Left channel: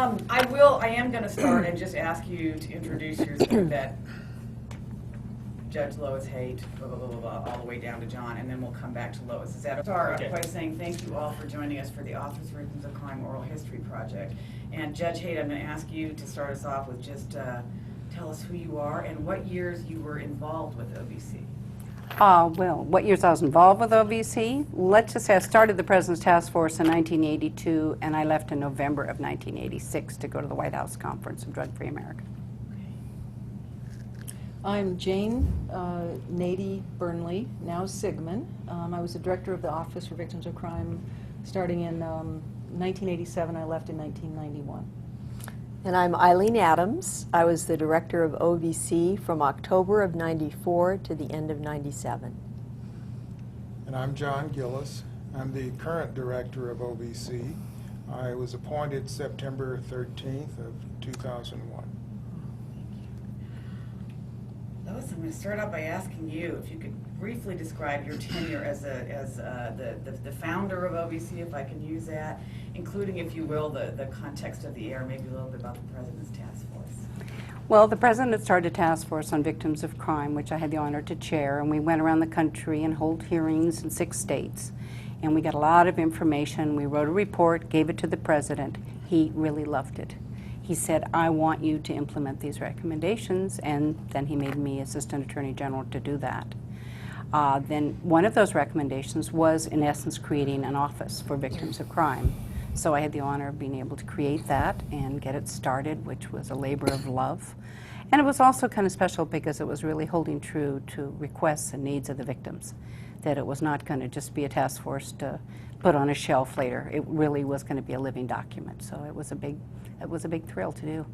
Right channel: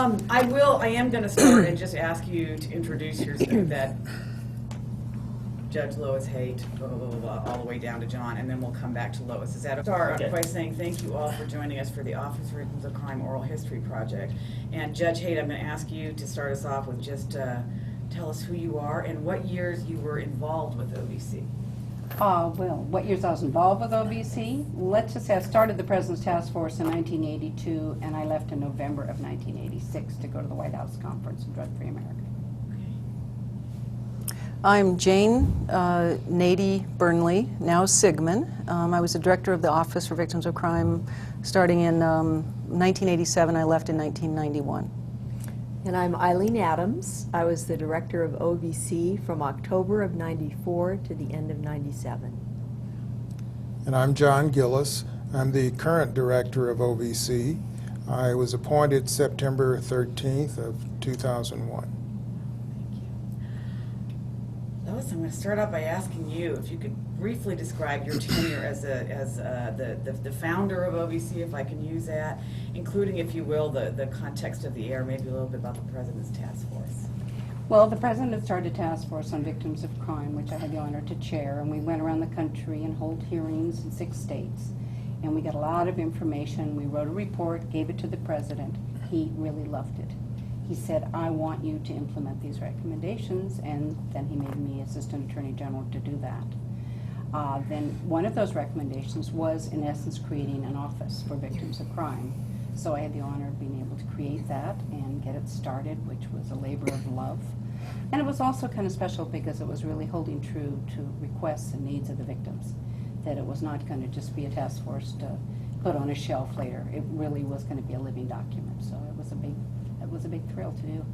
I am going to start and just ask you to introduce yourself, that Judge Lois Haight, blah, blah, blah, blah, all the way down to John, and then we'll come back to Lois. Is that start by saying thank you all for joining us for the Office for Victims of Crime Oral History Project. And Judge Haight, I'm going to ask you to start us off with just tell us who you are and what years you were involved with OVC. Well, what years I was involved with OVC? Let's just say I started the President's Task Force in 1982, and I left in November of 1986 to go to the White House Conference of Drug-Free America. I'm Jane Nady Burnley, now Sigmon. I was the director of the Office for Victims of Crime starting in 1987. I left in 1991. And I'm Aileen Adams. I was the director of OVC from October of '94 to the end of '97. And I'm John Gillis. I'm the current director of OVC. I was appointed September 13th of 2001. Lois, I'm going to start out by asking you if you could briefly describe your tenure as the founder of OVC, if I can use that, including, if you will, the context of the year, maybe a little bit about the President's Task Force. Well, the President had started a task force on victims of crime, which I had the honor to chair, and we went around the country and hold hearings in 6 states. And we got a lot of information. We wrote a report, gave it to the President. He really loved it. He said, I want you to implement these recommendations, and then he made me Assistant Attorney General to do that. Then one of those recommendations was, in essence, creating an office for victims of crime. So I had the honor of being able to create that and get it started, which was a labor of love. And it was also kind of special because it was really holding true to requests and needs of the victims, that it was not going to just be a task force to put on a shelf later. It really was going to be a living document. So it was a big thrill to do.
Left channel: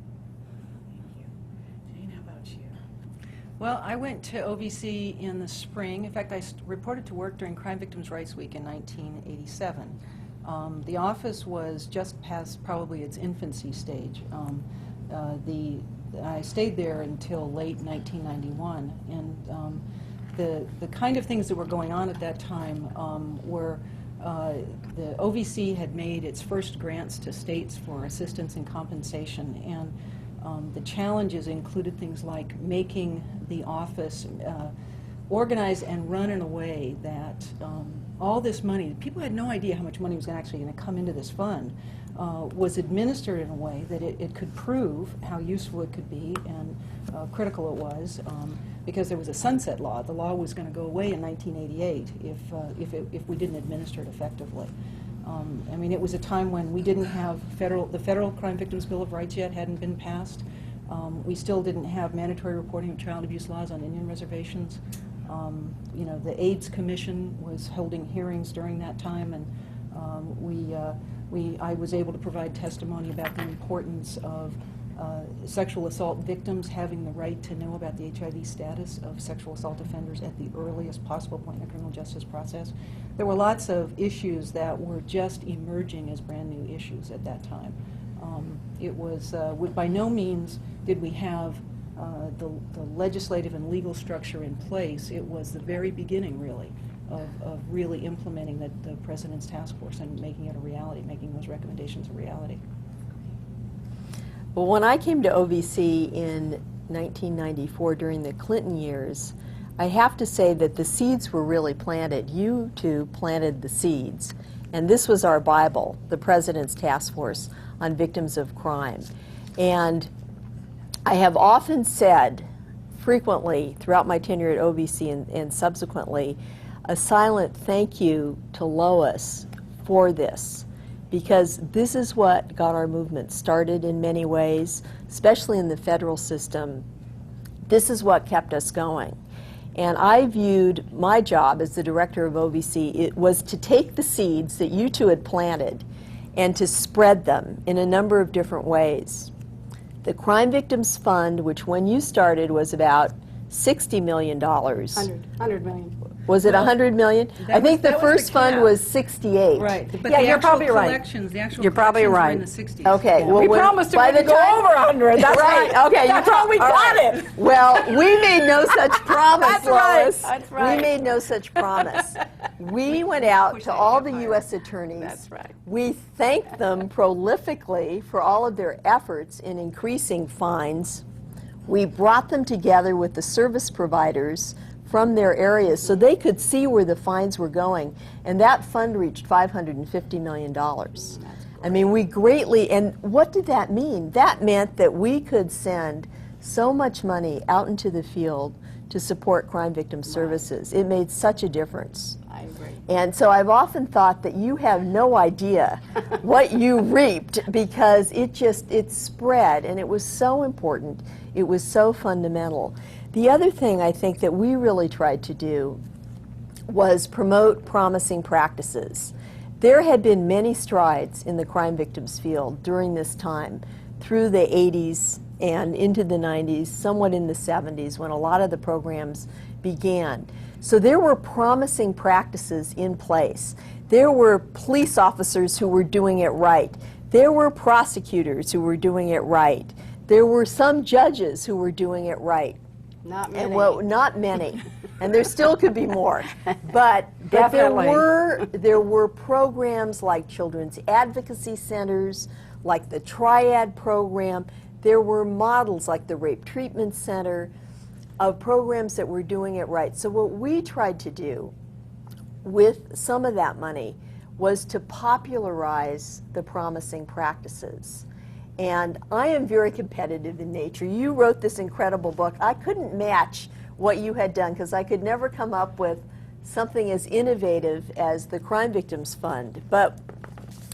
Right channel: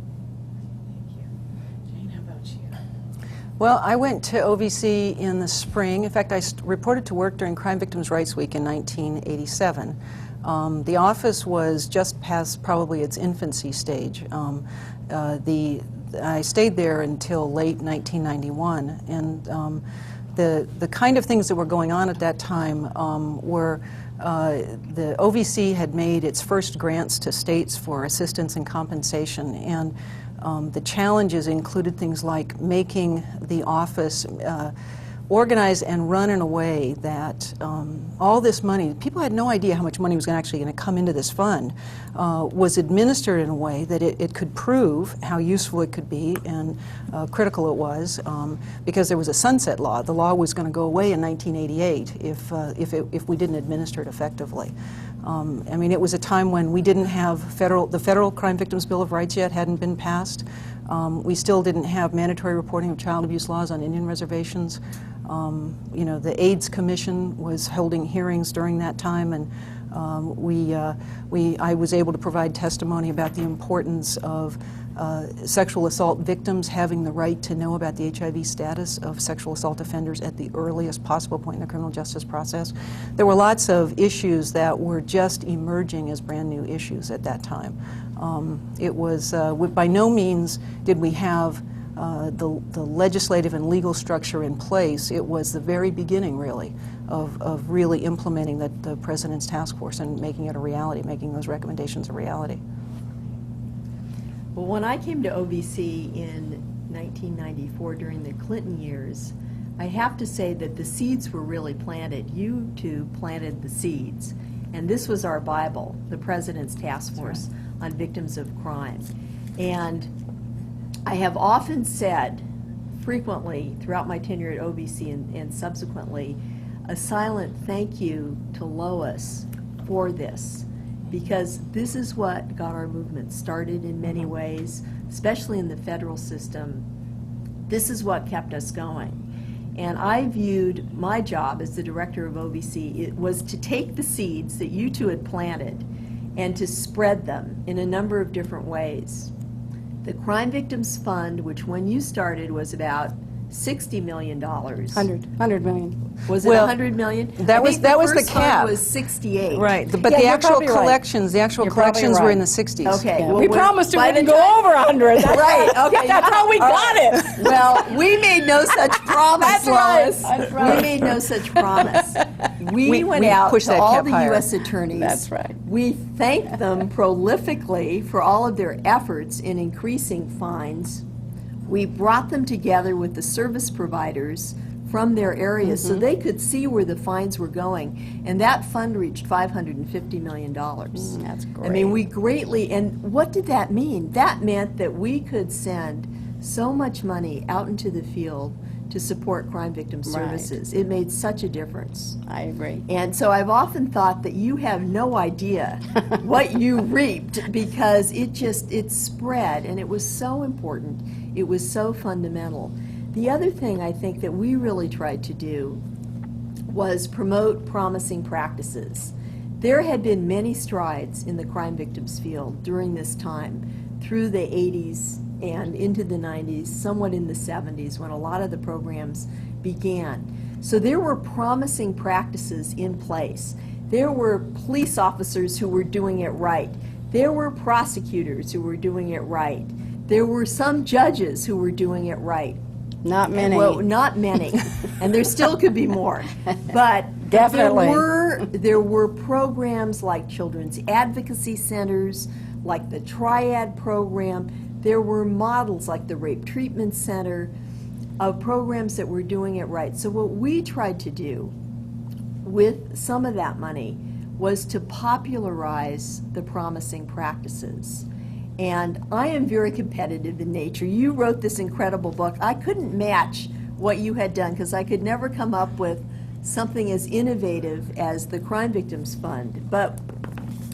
Well, I went to OVC in the spring. In fact, I reported to work during Crime Victims' Rights Week in 1987. The office was just past probably its infancy stage. I stayed there until late 1991, and the kind of things that were going on at that time were the OVC had made its first grants to states for assistance and compensation, and the challenges included things like making the office organize and run in a way that all this money, people had no idea how much money was actually going to come into this fund, was administered in a way that it could prove how useful it could be and critical it was, because there was a sunset law. The law was going to go away in 1988 if we didn't administer it effectively. I mean, it was a time when we didn't have the Federal Crime Victims Bill of Rights yet hadn't been passed. We still didn't have mandatory reporting of child abuse laws on Indian reservations. You know, the AIDS Commission was holding hearings during that time, and I was able to provide testimony about the importance of sexual assault victims having the right to know about the HIV status of sexual assault offenders at the earliest possible point in the criminal justice process. There were lots of issues that were just emerging as brand new issues at that time. It was, by no means did we have the legislative and legal structure in place. It was the very beginning, really, of really implementing the President's Task Force and making it a reality, making those recommendations a reality. Well, when I came to OVC in 1994 during the Clinton years, I have to say that the seeds were really planted. You two planted the seeds. And this was our Bible, the President's Task Force on Victims of Crime. And I have often said, frequently throughout my tenure at OVC and subsequently, a silent thank you to Lois for this, because this is what got our movement started in many ways, especially in the federal system. This is what kept us going. And I viewed my job as the director of OVC, it was to take the seeds that you two had planted and to spread them in a number of different ways. The Crime Victims Fund, which when you started was about $60 million. 100 million. Was it Well, 100 million? that I was- think that the was the first fund cap. was 68. Right, but Yeah, the you're actual probably right. collections, the actual You're probably collections were right. in the 60s. Okay. Yeah. Well, We when- promised by we the would go time- over 100. That's Right, okay, That's you're how we all got right. it. Well, we made no such promise, That's right. Lois. That's right. We made no such promise. We We went out pushed to that all cap the higher. U.S. attorneys. That's right. We thanked them prolifically for all of their efforts in increasing fines. We brought them together with the service providers from their areas so they could see where the fines were going. And that fund reached $550 million. That's I mean, we greatly, and what did that mean? That meant that we could send so much money out into the field to support crime victim services. It made such a difference. I agree. And so I've often thought that you have no idea what you reaped because it spread and it was so important. It was so fundamental. The other thing I think that we really tried to do was promote promising practices. There had been many strides in the crime victims field during this time, through the 80s and into the 90s, somewhat in the 70s, when a lot of the programs began. So there were promising practices in place. There were police officers who were doing it right. There were prosecutors who were doing it right. There were some judges who were doing it right. Not many. Well, not many, and there still could be more. But Definitely. there were programs like children's advocacy centers, like the Triad program. There were models like the Rape Treatment Center of programs that were doing it right. So what we tried to do with some of that money was to popularize the promising practices. And I am very competitive in nature. You wrote this incredible book. I couldn't match what you had done because I could never come up with something as innovative as the Crime Victims Fund. But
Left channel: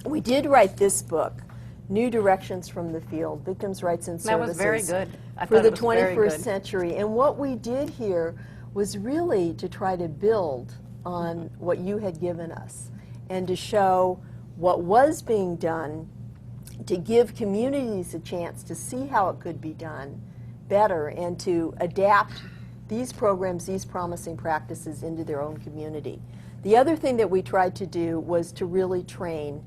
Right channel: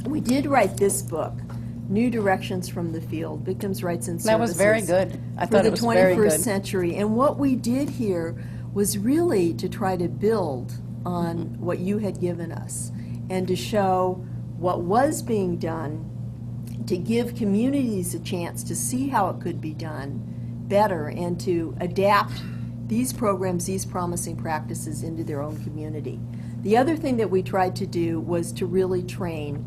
we did write this book, New Directions from the Field, Victims' Rights and Services. That was very good. I For thought the it was very 21st good. century. And what we did here was really to try to build on what you had given us and to show what was being done, to give communities a chance to see how it could be done better and to adapt these programs, these promising practices into their own community. The other thing that we tried to do was to really train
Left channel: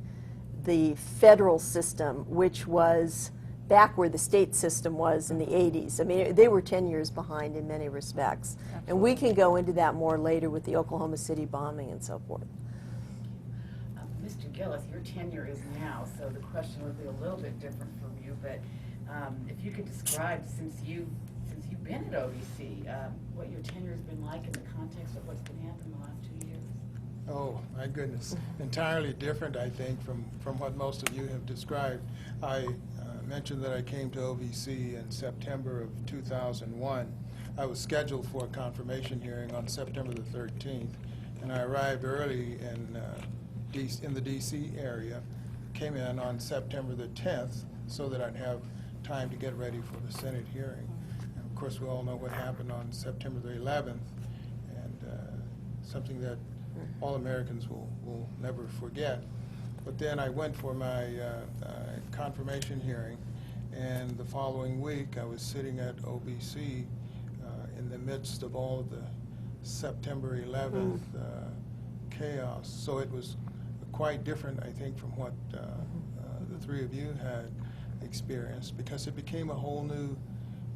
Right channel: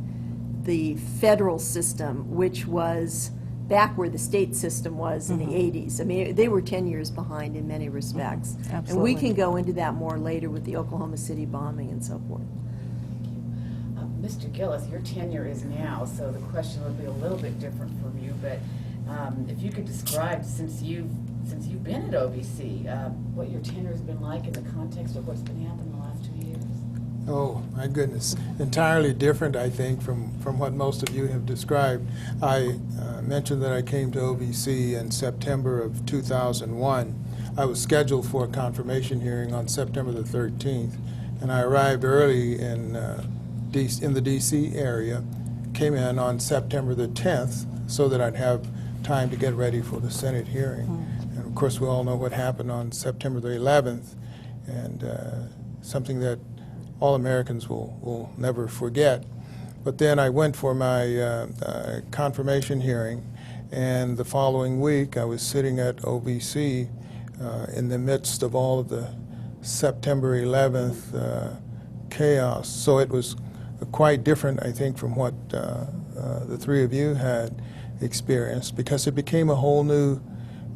the federal system, which was back where the state system was in the 80s. I mean, they were 10 years behind in many respects. And we can go into that more later with the Oklahoma City bombing and so forth. Mr. Gillis, your tenure is now, so the question would be a little bit different from you, but if you could describe, since you've been at OVC, what your tenure has been like in the context of what's been happening the last 2 years. Oh, my goodness. Entirely different, I think, from what most of you have described. I mentioned that I came to OVC in September of 2001. I was scheduled for a confirmation hearing on September the 13th, and I arrived early in the D.C. area, came in on September the 10th so that I'd have time to get ready for the Senate hearing. And of course, we all know what happened on September the 11th, and something that all Americans will never forget. But then I went for my confirmation hearing, and the following week I was sitting at OVC in the midst of all of the September 11th chaos. So it was quite different, I think, from what the three of you had experienced, because it became a whole new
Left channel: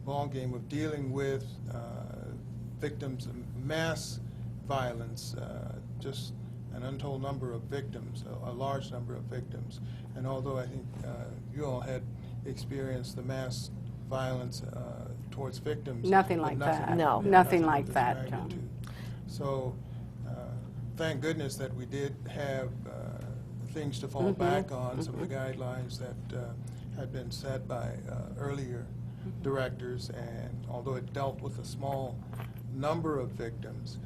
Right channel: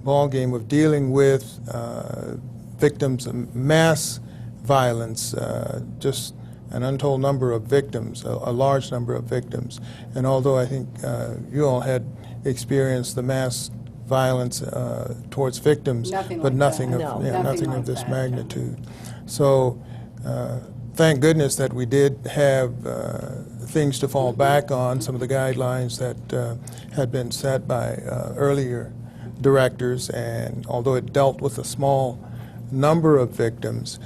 ballgame of dealing with victims of mass violence, just an untold number of victims, a large number of victims. And although I think you all had experienced the mass violence towards victims, Nothing but like nothing that. of, No, yeah, nothing nothing like of this that, no. magnitude. So thank goodness that we did have things to fall back on, some of the guidelines that had been set by earlier directors, and although it dealt with a small number of victims,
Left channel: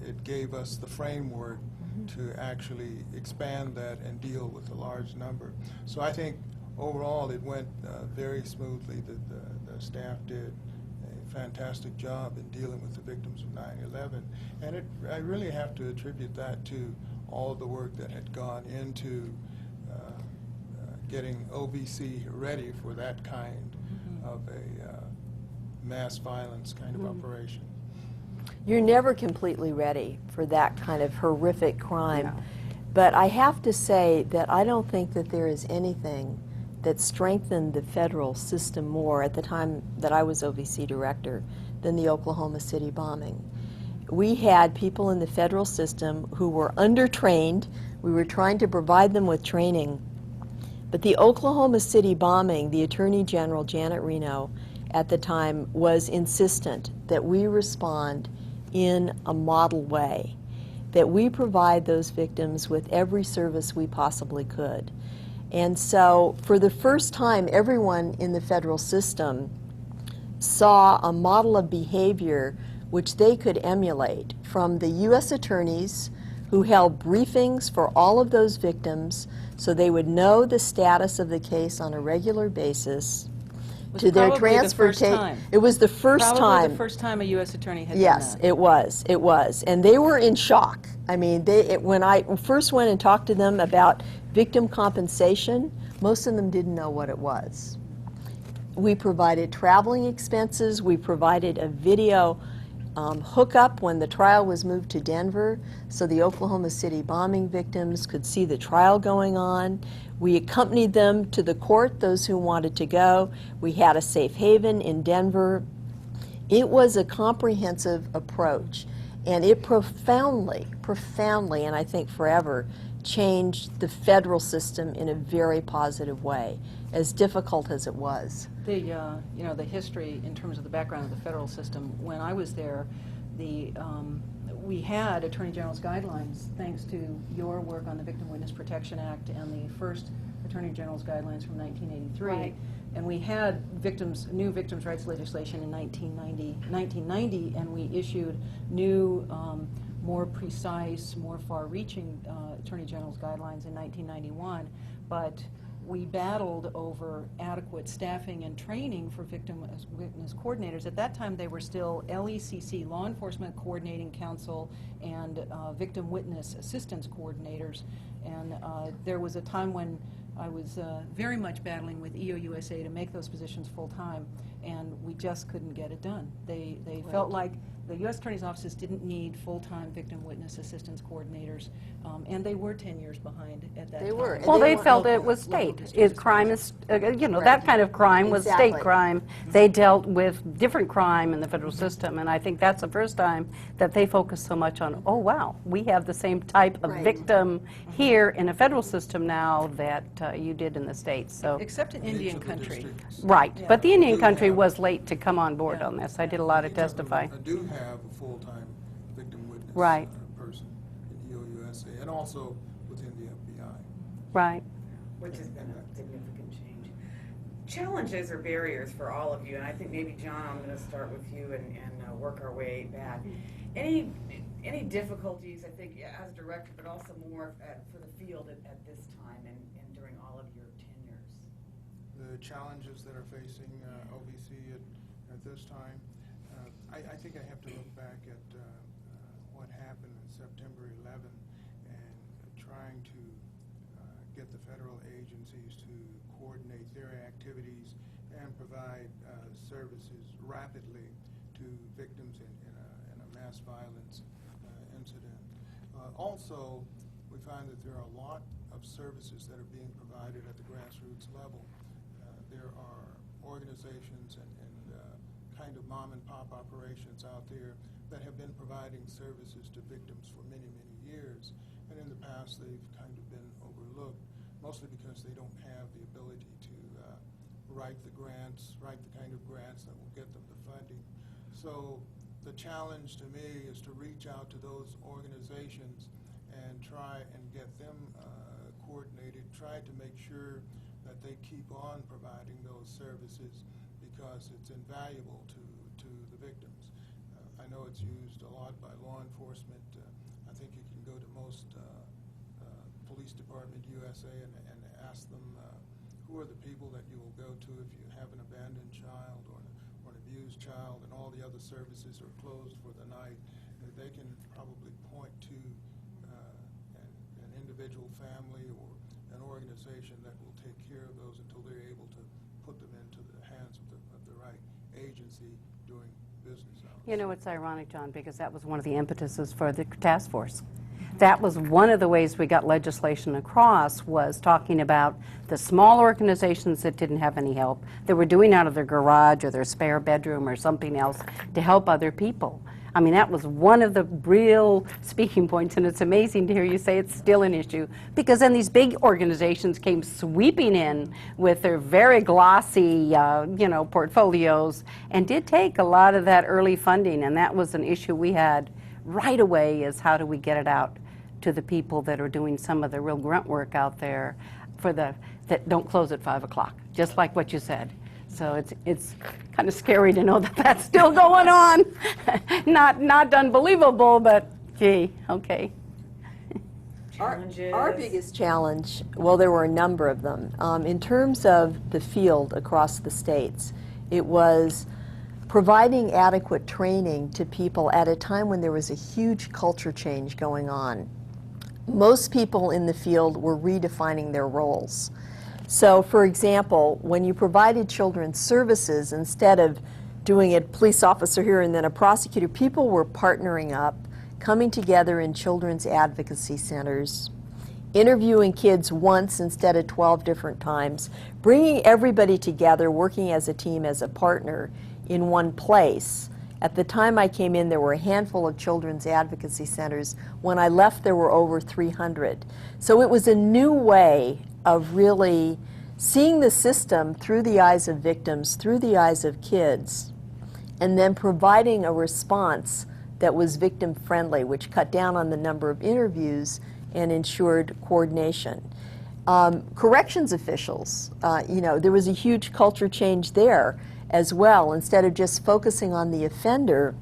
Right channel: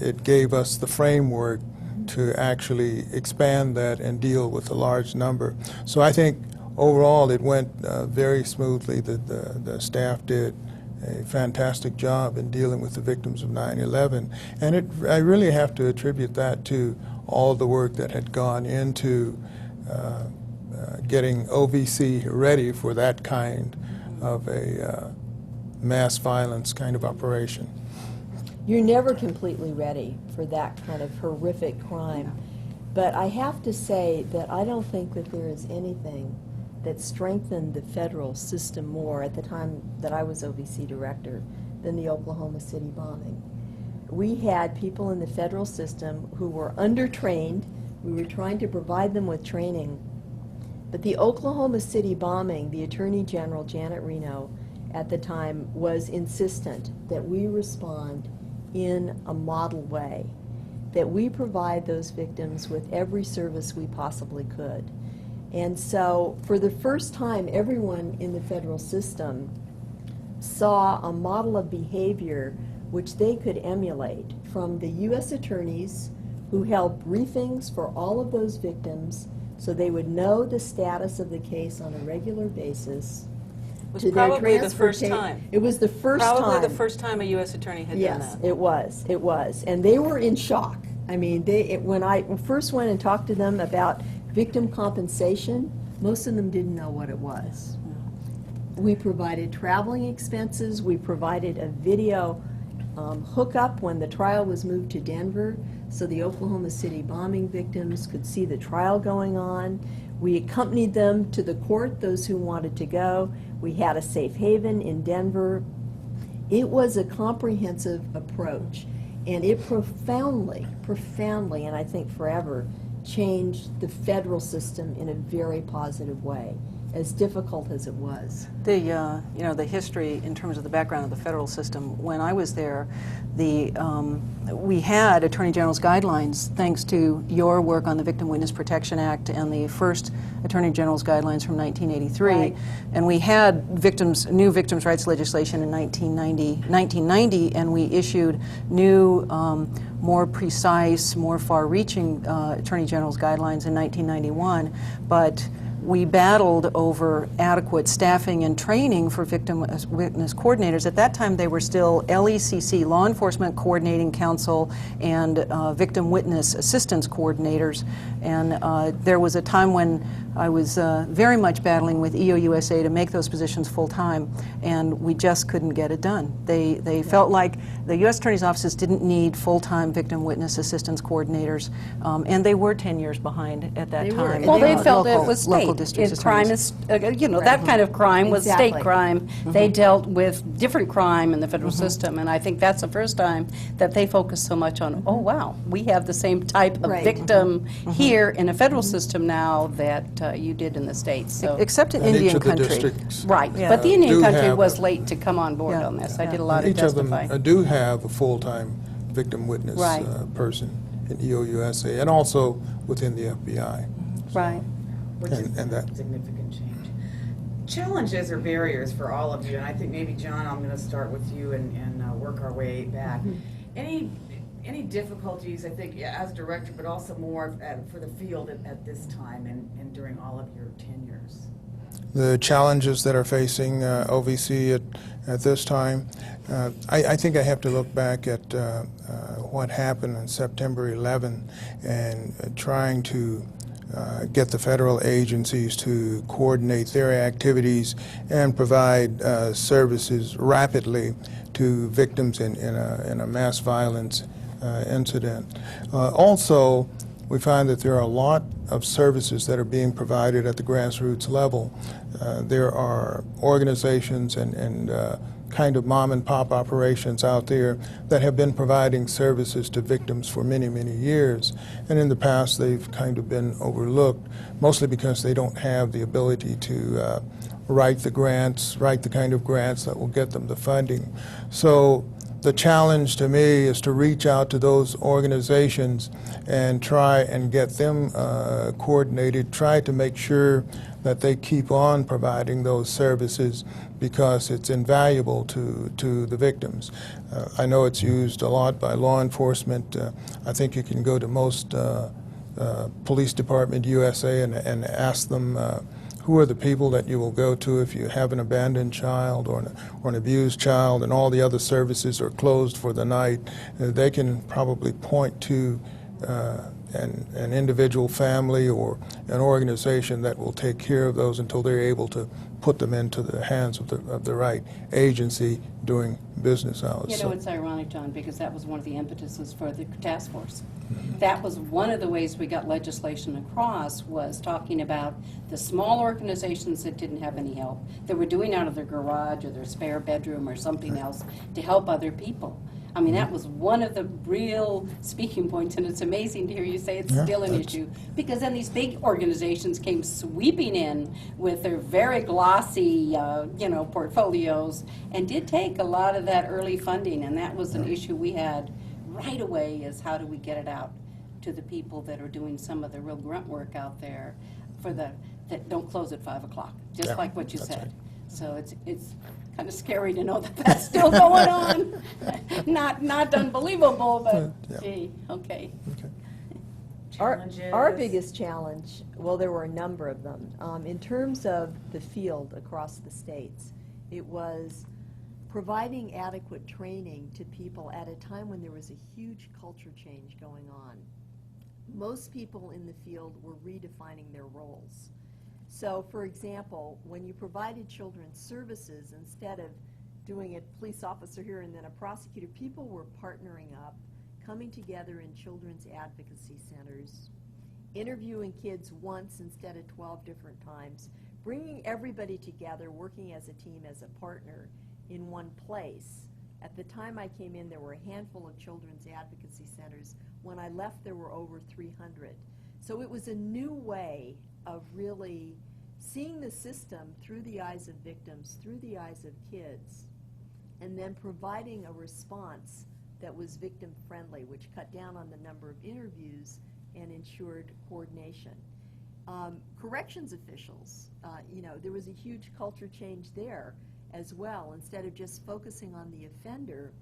it gave us the framework to actually expand that and deal with a large number. So I think overall it went very smoothly. The staff did a fantastic job in dealing with the victims of 9/11, and I really have to attribute that to all the work that had gone into getting OVC ready for that kind of a mass violence kind of operation. You're never completely ready for that kind of horrific crime. But I have to say that I don't think that there is anything that strengthened the federal system more at the time that I was OVC director than the Oklahoma City bombing. We had people in the federal system who were undertrained. We were trying to provide them with training. But the Oklahoma City bombing, the Attorney General, Janet Reno, at the time was insistent that we respond in a model way, that we provide those victims with every service we possibly could. And so for the first time, everyone in the federal system saw a model of behavior which they could emulate from the U.S. attorneys who held briefings for all of those victims so they would know the status of the case on a regular basis. Was To their probably the transfer first case. time. It was the first Probably time. the first time a U.S. attorney had Yes, done that. it was, and they were in shock. I mean, when I first went and talked to them about victim compensation, most of them didn't know what it was. We provided traveling expenses, we provided a video hookup when the trial was moved to Denver, so the Oklahoma City bombing victims could see the trial going on. We accompanied them to the court, those who wanted to go. We had a safe haven in Denver. It was a comprehensive approach, and it profoundly, and I think forever, changed the federal system in a very positive way, as difficult as it was. The you know, the history in terms of the background of the federal system. When I was there, we had Attorney General's guidelines thanks to your work on the Victim Witness Protection Act and the first Attorney General's guidelines from 1983, Right. and we had new victims' rights legislation in 1990, and we issued new, more precise, more far-reaching Attorney General's guidelines in 1991, but we battled over adequate staffing and training for victim witness coordinators. At that time, they were still LECC, Law Enforcement Coordinating Council, and victim witness assistance coordinators. And there was a time when I was very much battling with EOUSA to make those positions full-time, and we just couldn't get it done. They felt like the U.S. Attorney's offices didn't need full-time victim witness assistance coordinators, and they were 10 years behind at that time. Well, they felt it was Local state. district If crime attorneys. is, you know, that kind of crime was state Exactly. crime. They dealt with different crime in the federal system, and I think that's the first time that they focused so much on, oh, wow, we have the same type of Right. victim here in a federal system now that you did in the states, so. Except in And each Indian of the country. districts Right, Yeah. but the Indian Do country have- was late to come on board Yeah. on this. I did a lot of Each of them testifying. do have a full-time victim witness Right. person in EOUSA, and also within the FBI. Right. Which is And that- significant change. Challenges or barriers for all of you, and I think maybe, John, I'm going to start with you and work our way back. Any difficulties, I think, as director, but also more for the field at this time and during all of your tenures? The challenges that are facing OVC at this time, I think I have to look back at what happened on September 11 and trying to get the federal agencies to coordinate their activities and provide services rapidly to victims in a mass violence incident. Also, we find that there are a lot of services that are being provided at the grassroots level. There are organizations and kind of mom and pop operations out there that have been providing services to victims for many, many years. And in the past, they've kind of been overlooked, mostly because they don't have the ability to write the kind of grants that will get them the funding. So the challenge to me is to reach out to those organizations and try and get them coordinated, try to make sure that they keep on providing those services because it's invaluable to the victims. I know it's used a lot by law enforcement. I think you can go to most police department USA and ask them who are the people that you will go to if you have an abandoned child or an abused child and all the other services are closed for the night. They can probably point to an individual family or an organization that will take care of those until they're able to put them into the hands of the right agency during business hours. You know, it's ironic, John, because that was one of the impetuses for the task force. That was one of the ways we got legislation across, was talking about the small organizations that didn't have any help, that were doing out of their garage or their spare bedroom or something else to help other people. I mean, that was one of the real speaking points, and it's amazing to hear you say it's still an issue, because then these big organizations came sweeping in with their very glossy, you know, portfolios, and did take a lot of that early funding, and that was an issue we had right away, is how do we get it out to the people that are doing some of the real grunt work out there for the, that don't close at 5 o'clock, just like what you said. So it's kind of scary to know that that's still going on. Not unbelievable, but gee, okay. Challenges. Our biggest challenge, well, there were a number of them. In terms of the field across the states, it was providing adequate training to people at a time when there was a huge culture change going on. Most people in the field were redefining their roles. So, for example, when you provided children's services, instead of doing a police officer here and then a prosecutor, people were partnering up, coming together in children's advocacy centers, interviewing kids once instead of 12 different times, bringing everybody together, working as a team, as a partner in one place. At the time I came in, there were a handful of children's advocacy centers. When I left, there were over 300. So it was a new way of really seeing the system through the eyes of victims, through the eyes of kids, and then providing a response that was victim-friendly, which cut down on the number of interviews and ensured coordination. Corrections officials, you know, there was a huge culture change there as well. Instead of just focusing on the offender,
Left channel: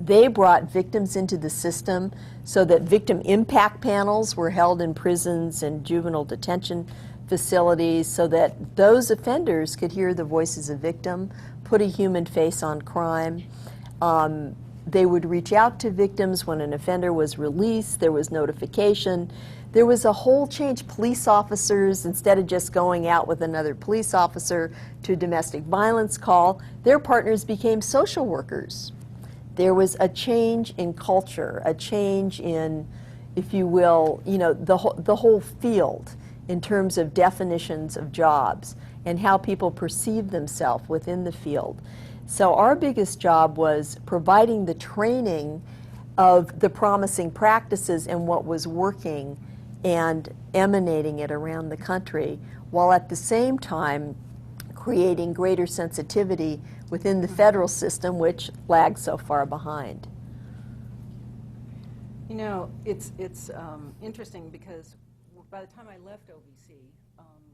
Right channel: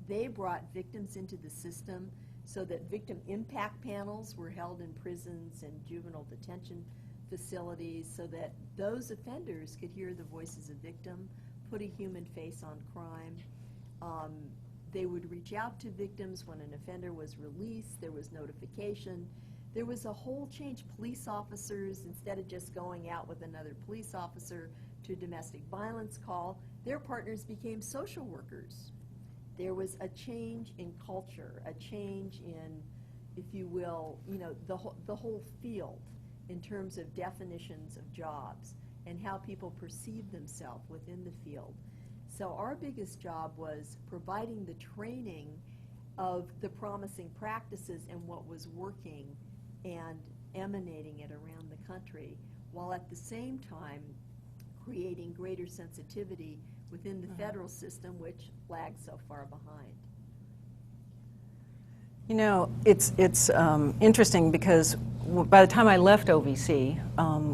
they brought victims into the system so that victim impact panels were held in prisons and juvenile detention facilities so that those offenders could hear the voices of victim, put a human face on crime. They would reach out to victims when an offender was released. There was notification. There was a whole change. Police officers, instead of just going out with another police officer to a domestic violence call, their partners became social workers. There was a change in culture, a change in, if you will, you know, the whole field in terms of definitions of jobs and how people perceive themselves within the field. So our biggest job was providing the training of the promising practices and what was working and emanating it around the country, while at the same time creating greater sensitivity within the federal system, which lags so far behind. You know, it's interesting because by the time I left OVC,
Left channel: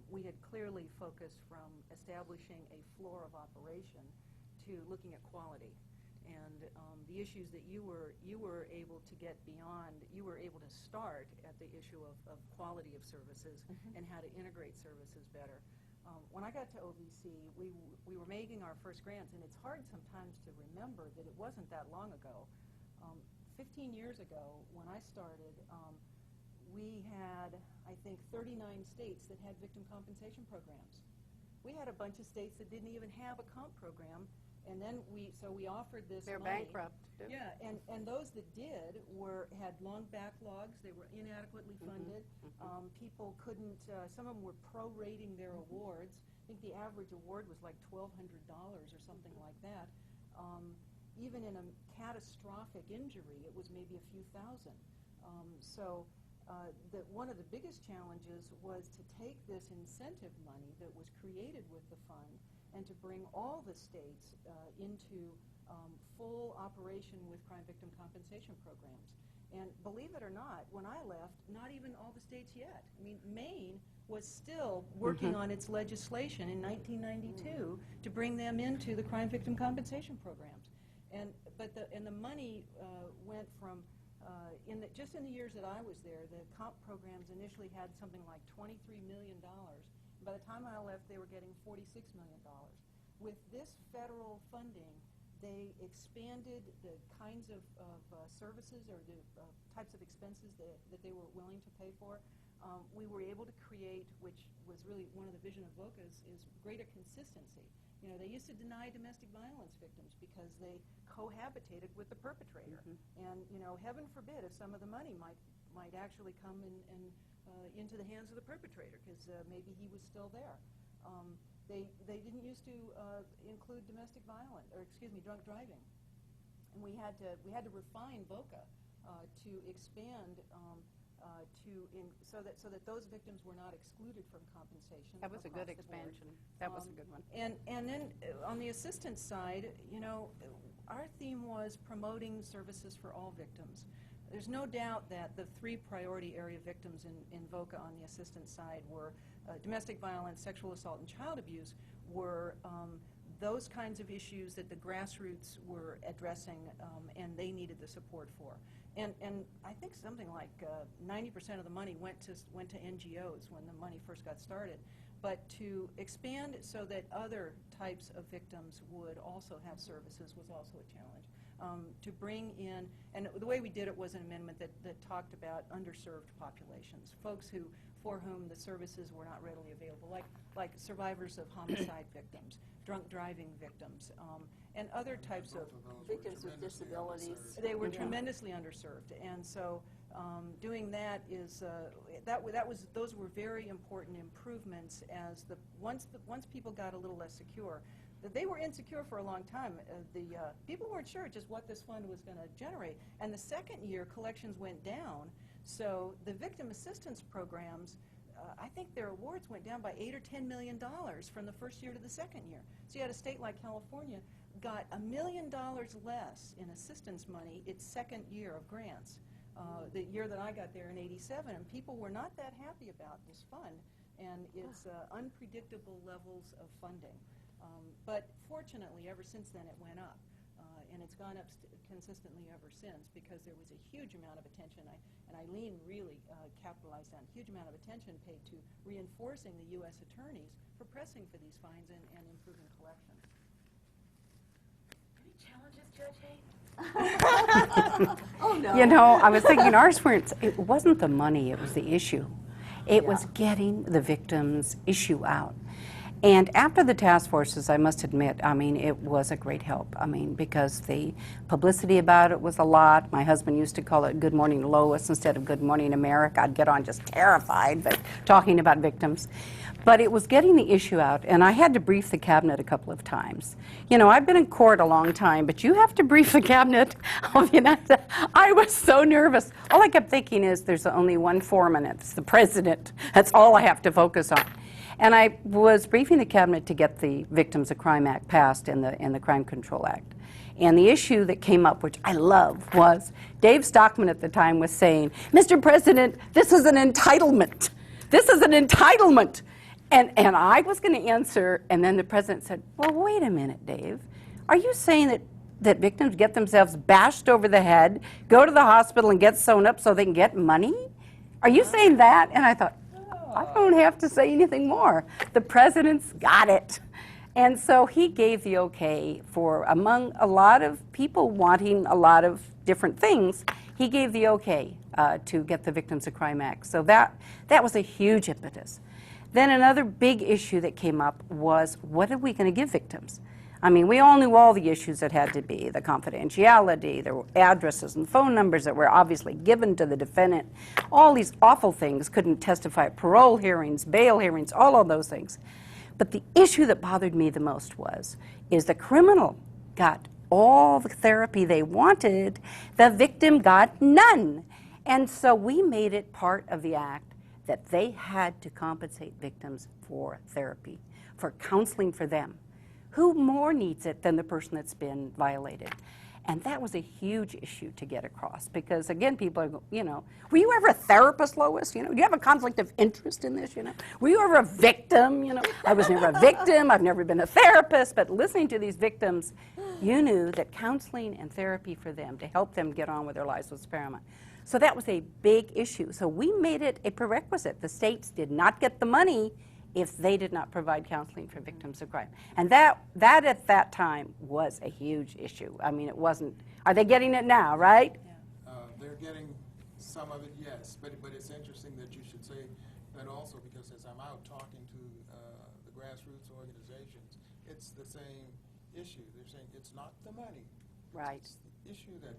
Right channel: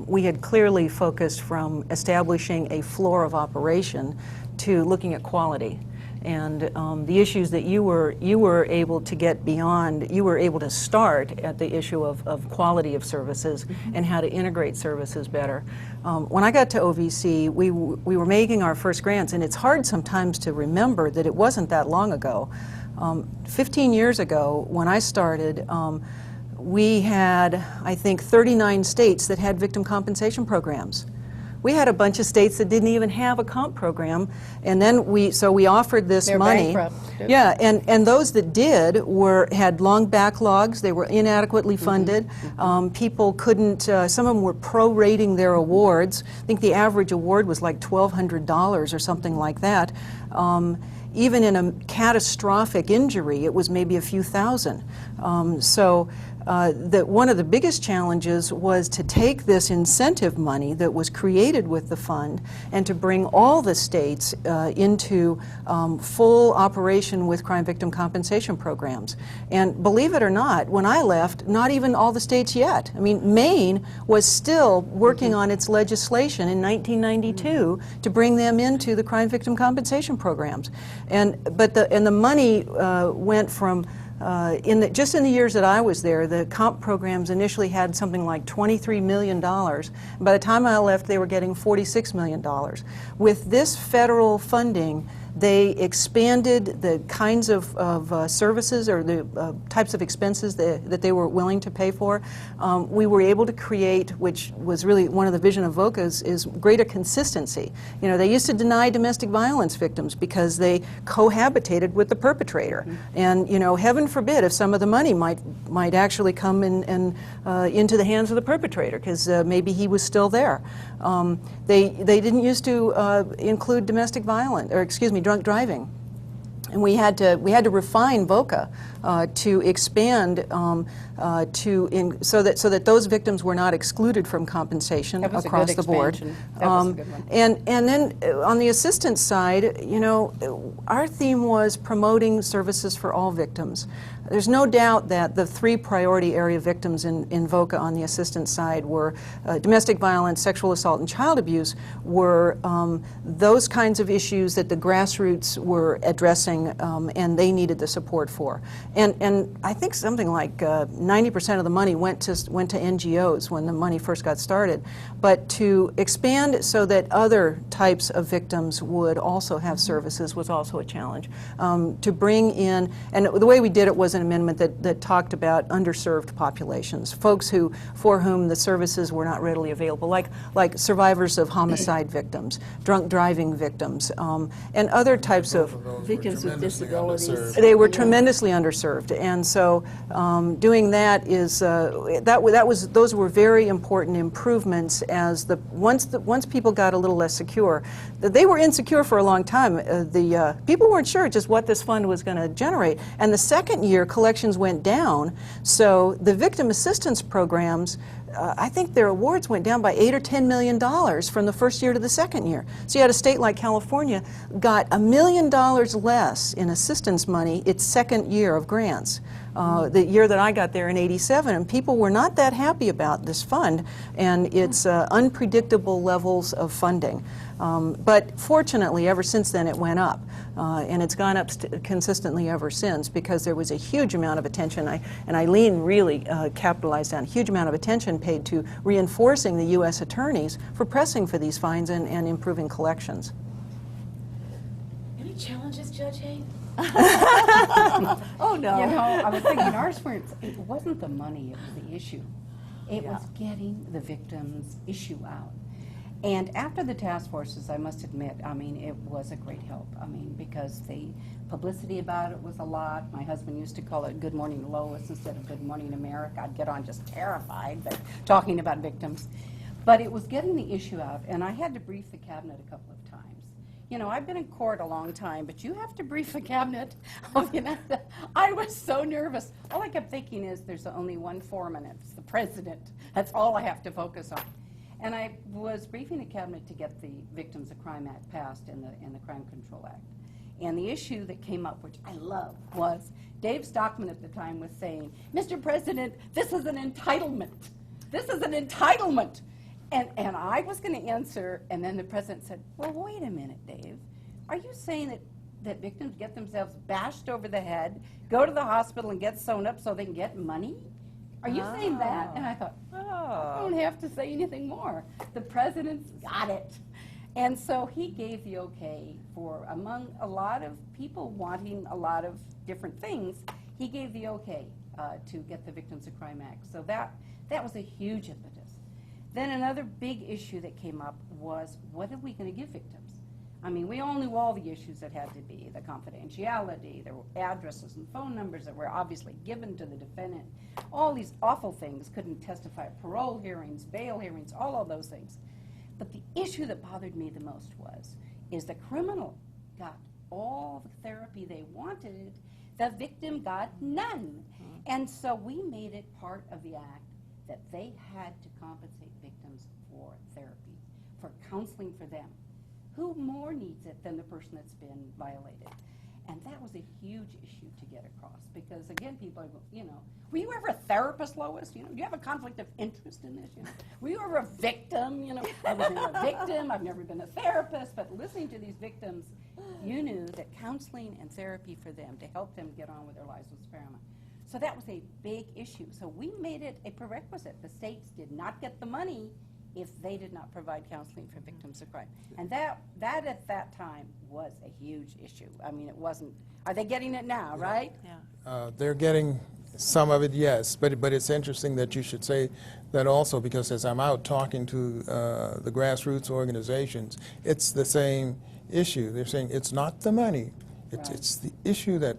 we had clearly focused from establishing a floor of operation to looking at quality. And the issues that you were able to get beyond, you were able to start at the issue of quality of services and how to integrate services better. When I got to OVC, we were making our first grants, and it's hard sometimes to remember that it wasn't that long ago. 15 years ago, when I started, we had, I think, 39 states that had victim compensation programs. We had a bunch of states that didn't even have a comp program, and then we offered this They're money. bankrupt. Yeah, and those that did had long backlogs. They were inadequately funded. People couldn't. Some of them were prorating their awards. I think the average award was like $1,200 or something like that. Even in a catastrophic injury, it was maybe a few thousand. One of the biggest challenges was to take this incentive money that was created with the fund and to bring all the states into full operation with crime victim compensation programs. And believe it or not, when I left, not even all the states yet. I mean, Maine was still working on its legislation in 1992 to bring them into the crime victim compensation programs. And the money went from just in the years that I was there, the comp programs initially had something like $23 million. By the time I left, they were getting $46 million. With this federal funding, They expanded the kinds of services or the types of expenses that they were willing to pay for. We were able to create, which was really one of the vision of VOCA's, is greater consistency. You know, they used to deny domestic violence victims because they cohabitated with the perpetrator. And, you know, heaven forbid if some of the money might actually come into the hands of the perpetrator, because maybe he was still there. They didn't used to include domestic violence, or excuse me, drunk driving. And we had to refine VOCA to expand so that those victims were not excluded from compensation That was a across good the board. expansion. That was a good one. And then on the assistance side, you know, our theme was promoting services for all victims. There's no doubt that the 3 priority area victims in VOCA on the assistance side were domestic violence, sexual assault, and child abuse were those kinds of issues that the grassroots were addressing and they needed the support for. And I think something like 90% of the money went to NGOs when the money first got started. But to expand so that other types of victims would also have services was also a challenge. To bring in, and the way we did it was an amendment that talked about underserved populations, folks for whom the services were not readily available, like survivors of homicide victims, drunk driving victims, and other types of Victims with disabilities. they were tremendously underserved, and so doing that is those were very important improvements. As once people got a little less secure, they were insecure for a long time. The people weren't sure just what this fund was going to generate, and the second year collections went down. So the victim assistance programs, I think their awards went down by $8 or $10 million from the first year to the second year. So you had a state like California got $1 million less in assistance money its second year of grants. The year that I got there in '87, and people were not that happy about this fund and its unpredictable levels of funding. But fortunately, ever since then, it went up. And it's gone up consistently ever since, because there was a huge amount of attention, and Aileen really capitalized on a huge amount of attention paid to reinforcing the U.S. attorneys for pressing for these fines and improving collections. Any challenges, Judge Haight? Oh, no. You know, I was thinking ours weren't, it wasn't the money, it was the issue. It was getting the victim's issue out. And after the task forces, I must admit, I mean, it was a great help. I mean, because the publicity about it was a lot. My husband used to call it Good Morning Lois instead of Good Morning America. I'd get on just terrified, but talking about victims. But it was getting the issue out, and I had to brief the cabinet a couple of times. You know, I've been in court a long time, but you have to brief the cabinet. I mean, I was so nervous. All I kept thinking is there's only one foreman, it's the president. That's all I have to focus on. And I was briefing the cabinet to get the Victims of Crime Act passed in the Crime Control Act. And the issue that came up, which I love, was Dave Stockman at the time was saying, Mr. President, this is an entitlement. This is an entitlement. And I was going to answer, and then the president said, well, wait a minute, Dave. Are you saying that victims get themselves bashed over the head, go to the hospital and get sewn up so they can get money? Are you saying that? And I thought, I don't have to say anything more. The president's got it. And so he gave the okay for, among a lot of people wanting a lot of different things, he gave the okay to get the Victims of Crime Act. So that was a huge impetus. Then another big issue that came up was, what are we going to give victims? I mean, we all knew all the issues that had to be, the confidentiality, the addresses and phone numbers that were obviously given to the defendant, all these awful things, couldn't testify at parole hearings, bail hearings, all of those things. But the issue that bothered me the most is the criminal got all the therapy they wanted, the victim got none. And so we made it part of the act that they had to compensate victims for therapy, for counseling for them. Who more needs it than the person that's been violated? And that was a huge issue to get across, because again, people are, you know, were you ever a therapist, Lois? You know, do you have a conflict of interest in this? You know, were you ever a victim? You know, I was never a victim. I've never been a therapist. But listening to these victims, you knew that counseling and therapy for them to help them get on with their lives was paramount. So that was a big issue. So we made it a prerequisite. The states did not get the money if they did not provide counseling for victims of crime. And that at that time was a huge issue. I mean, it wasn't, are they getting it now, right? They're getting some of it, yes, but it's interesting that you should say that also, because as I'm out talking to the grassroots organizations, it's the same issue. They're saying it's not the money, it's the issue that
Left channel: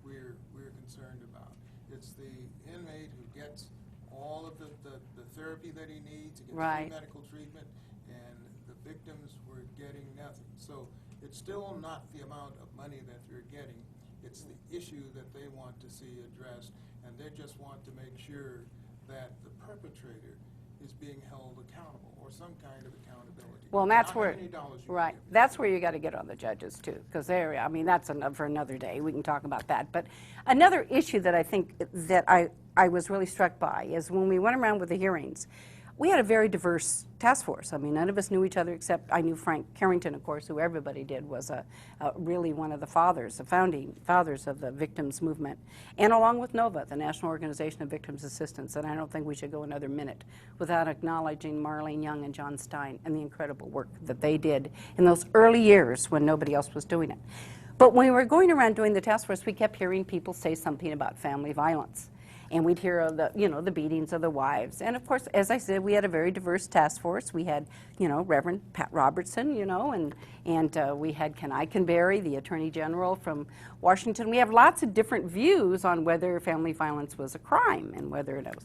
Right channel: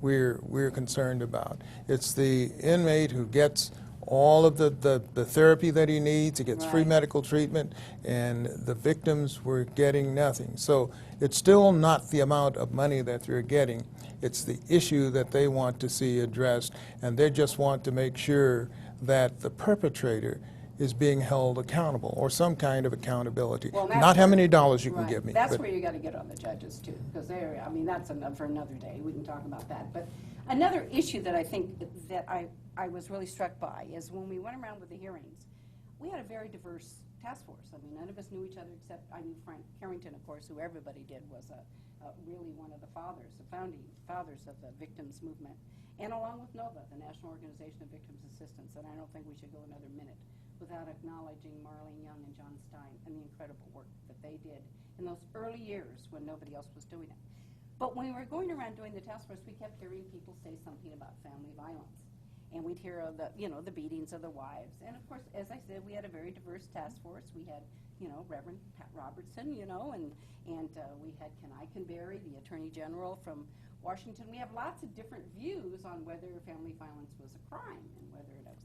we're concerned about. It's the inmate who gets all of the therapy that he needs, he gets free medical treatment, and the victims were getting nothing. So it's still not the amount of money that they're getting, it's the issue that they want to see addressed, and they just want to make sure that the perpetrator is being held accountable, or some kind of accountability. Well, that's not how where- many dollars you can give me. That's but- where you got to get on the judges too, because I mean, that's for another day. We can talk about that. But another issue that I think that I was really struck by is when we went around with the hearings, we had a very diverse task force. I mean, none of us knew each other except I knew Frank Carrington, of course, who everybody did, was really one of the fathers, the founding fathers of the victims movement. And along with NOVA, the National Organization of Victims Assistance. And I don't think we should go another minute without acknowledging Marlene Young and John Stein and the incredible work that they did in those early years when nobody else was doing it. But when we were going around doing the task force, we kept hearing people say something about family violence. And we'd hear of the beatings of the wives. And of course, as I said, we had a very diverse task force. We had, Reverend Pat Robertson, and we had Ken Eikenberry, the Attorney General from Washington. We have lots of different views on whether family violence was a crime and whether it was.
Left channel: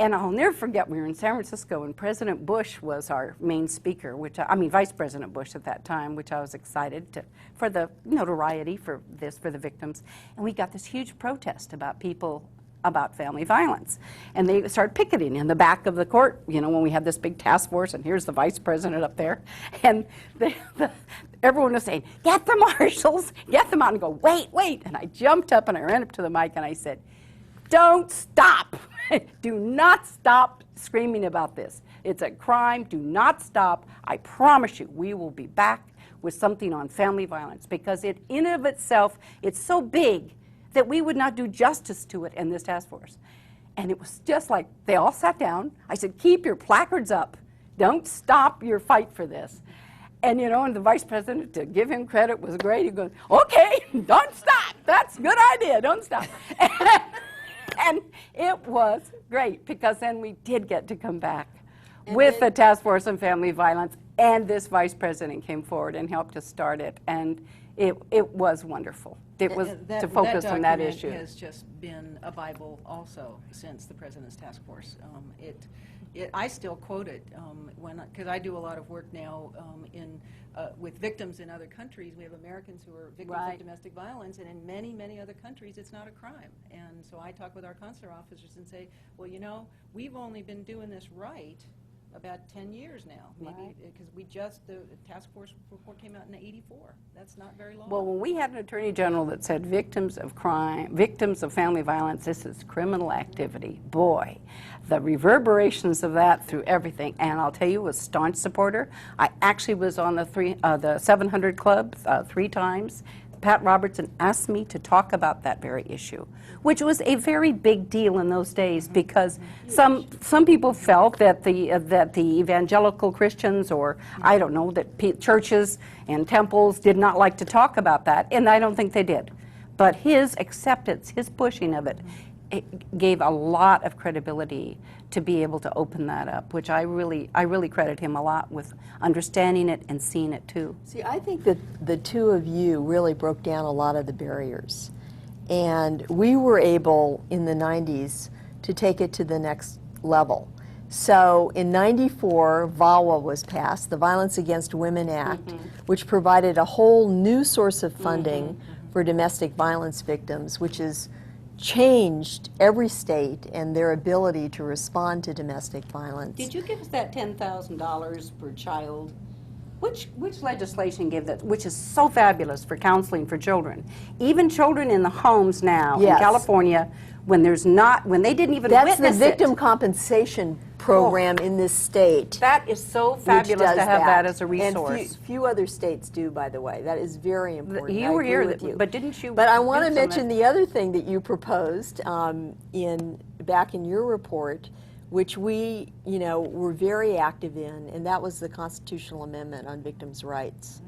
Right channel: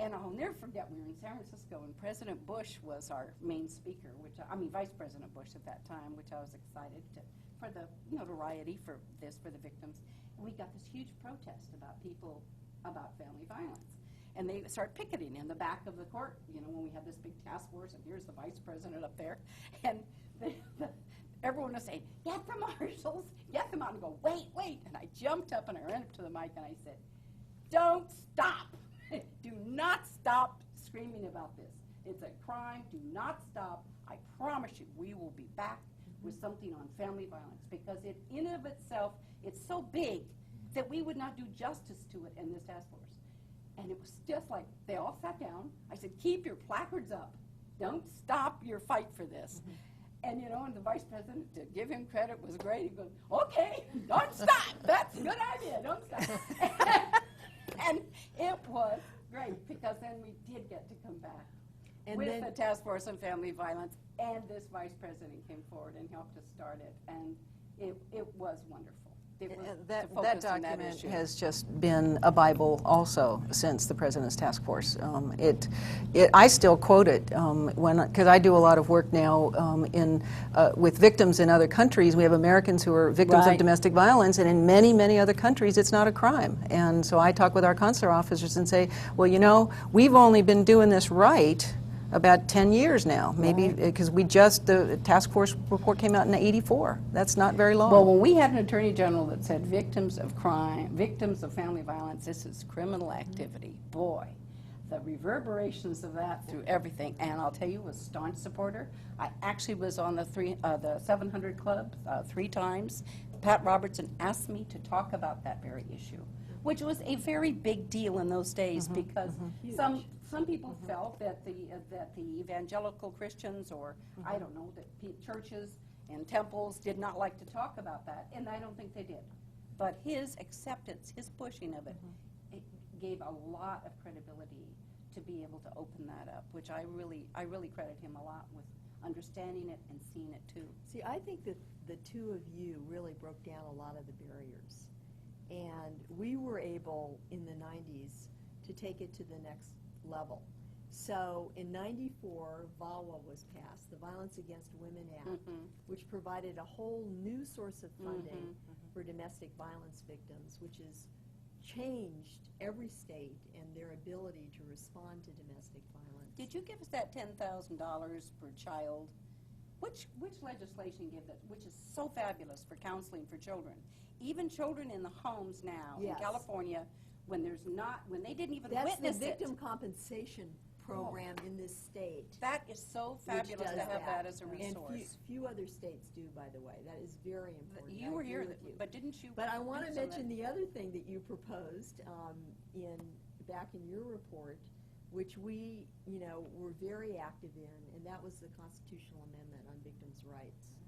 And I'll never forget, we were in San Francisco and President Bush was our main speaker, Vice President Bush at that time, which I was excited for the notoriety for the victims. And we got this huge protest about family violence. And they started picketing in the back of the court, when we had this big task force, and here's the vice president up there. And everyone was saying, get the marshals, get them out, and go, wait. And I jumped up and I ran up to the mic and I said, don't stop. Do not stop screaming about this. It's a crime. Do not stop. I promise you, we will be back with something on family violence, because it, in of itself, it's so big that we would not do justice to it in this task force. And it was just like, they all sat down. I said, keep your placards up. Don't stop your fight for this. And and the vice president, to give him credit, was great. He goes, okay, don't stop. That's a good idea, don't stop. And it was great, because then we did get to come back with the task force on family violence, and this vice president came forward and helped us start it, and it was wonderful. It was to focus on that issue. That has just been a Bible also since the President's Task Force. I still quote it because I do a lot of work now with victims in other countries. We have Americans who are victims of domestic violence, and in many, many other countries it's not a crime. And so I talk with our consular officers and say, well, we've only been doing this right about 10 years now, maybe, because the task force report came out in '84. That's not very long. Well, when we had an attorney general that said victims of crime, victims of family violence, this is criminal activity, boy, the reverberations of that through everything. And I'll tell you, a staunch supporter. I actually was on the 700 Club 3 times. Pat Robertson asked me to talk about that very issue, which was a very big deal in those days, because some people felt that the evangelical Christians, or I don't know, that churches and temples did not like to talk about that, and I don't think they did. But his acceptance, his pushing of it gave a lot of credibility to be able to open that up, which I really credit him a lot with understanding it and seeing it too. See, I think that the two of you really broke down a lot of the barriers. And we were able, in the 90s, to take it to the next level. So in '94, VAWA was passed, the Violence Against Women Act, which provided a whole new source of funding for domestic violence victims, which has changed every state and their ability to respond to domestic violence. Did you give us that $10,000 per child? Which legislation gave that, which is so fabulous for counseling for children? Even children in the homes now in California, when they didn't even That's witness the victim compensation program in this state. That is so fabulous to have that as a resource. And few other states do, by the way. That is very important. You were here, but didn't you? But I want to mention the other thing that you proposed back in your report, which we, were very active in, and that was the constitutional amendment on victims' rights.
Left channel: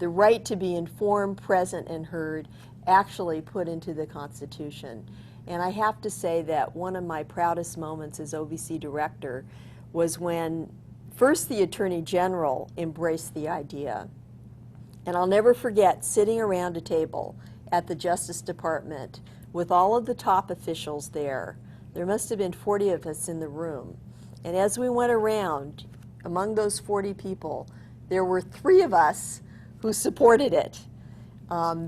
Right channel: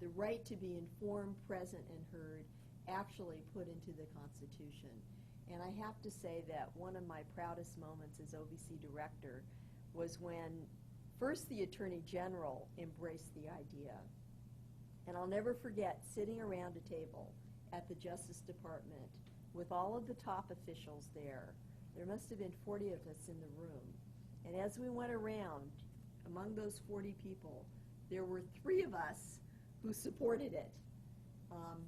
The right to be informed, present, and heard actually put into the Constitution. And I have to say that one of my proudest moments as OVC director was when first the Attorney General embraced the idea. And I'll never forget sitting around a table at the Justice Department with all of the top officials there. There must have been 40 of us in the room. And as we went around, among those 40 people, there were 3 of us who supported it.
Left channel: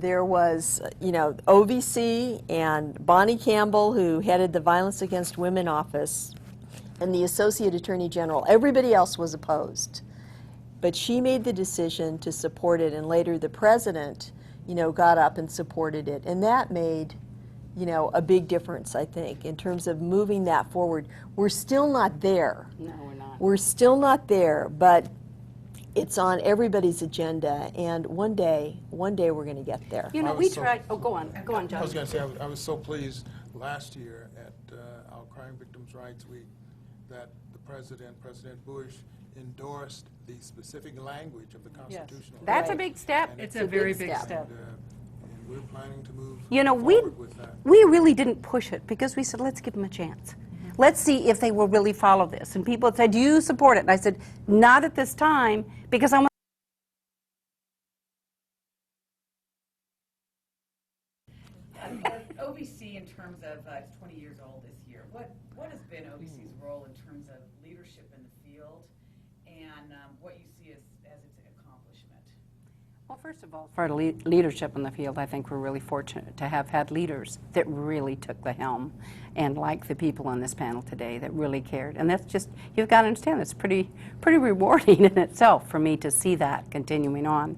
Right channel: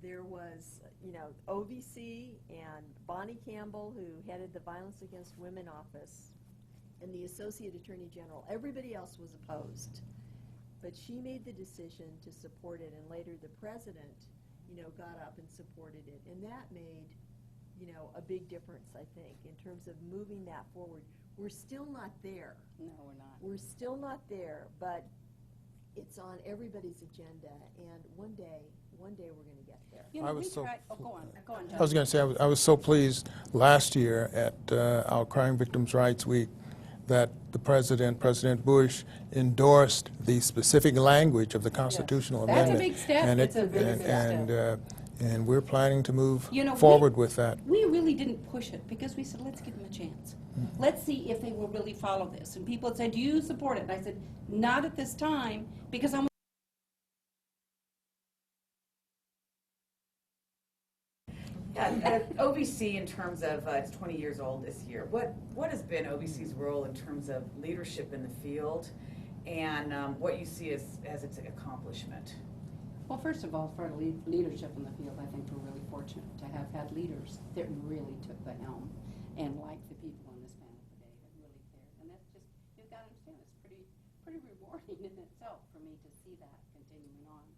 There was, OVC and Bonnie Campbell, who headed the Violence Against Women office, and the Associate Attorney General. Everybody else was opposed. But she made the decision to support it, and later the president, got up and supported it. And that made, a big difference, I think, in terms of moving that forward. We're still not there. No, we're not. We're still not there, but it's on everybody's agenda, and one day we're going to get there. We tried, go on, John. I was going to say, I was so pleased last year at our Crime Victims' Rights Week that the President Bush, endorsed the specific language of the constitutional That's a amendment. big step. And It's a very big step. And we're planning to move we- forward with that. We really didn't push it because we said, let's give them a chance. Let's see if they will really follow this. And people said, do you support it? And I said, not at this time, because I want OVC, in terms of, it's 20 years old this year, what has been OVC's role in terms of leadership in the field, and what you see as its accomplishment? Well, first of all, for leadership in the field, I think we're really fortunate to have had leaders that really took the helm, and like the people on this panel today that really cared. And that's just, you've got to understand, it's pretty rewarding in itself for me to see that continuing on.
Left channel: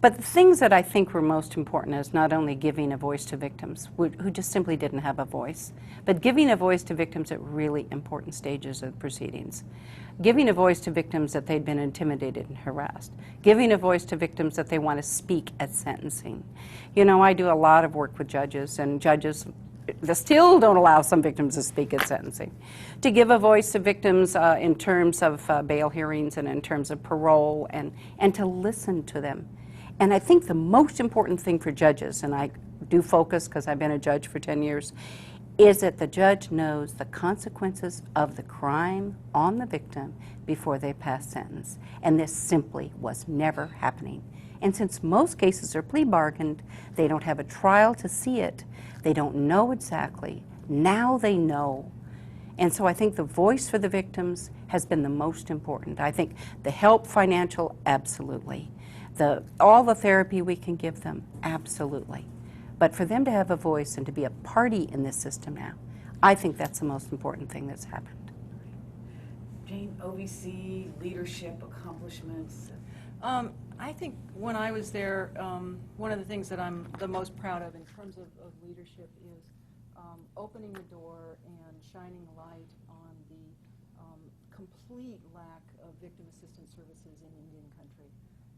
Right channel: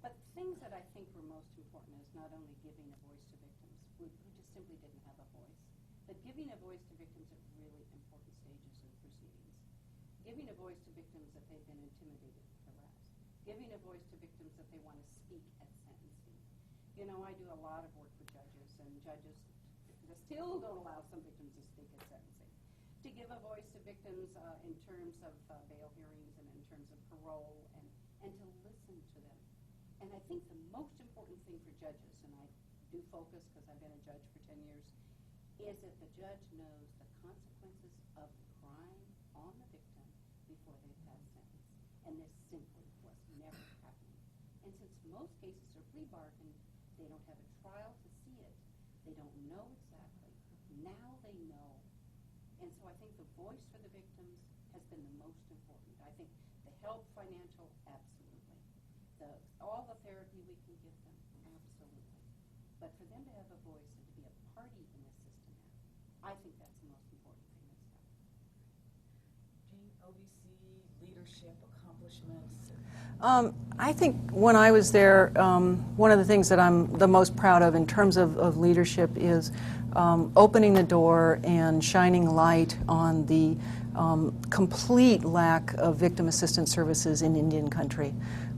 But the things that I think were most important is not only giving a voice to victims who just simply didn't have a voice, but giving a voice to victims at really important stages of proceedings. Giving a voice to victims that they'd been intimidated and harassed. Giving a voice to victims that they want to speak at sentencing. I do a lot of work with judges, and judges they still don't allow some victims to speak at sentencing. To give a voice to victims in terms of bail hearings and in terms of parole, and to listen to them. And I think the most important thing for judges, and I do focus because I've been a judge for 10 years, is that the judge knows the consequences of the crime on the victim before they pass sentence. And this simply was never happening. And since most cases are plea bargained, they don't have a trial to see it. They don't know exactly. Now they know. And so I think the voice for the victims has been the most important. I think the help, financial, absolutely. All the therapy we can give them, absolutely. But for them to have a voice and to be a party in this system now, I think that's the most important thing that's happened. Jane, OVC, leadership, accomplishments? I think when I was there, one of the things that I'm the most proud of in terms of leadership is opening the door and shining light on the complete lack of victim assistance services in Indian country.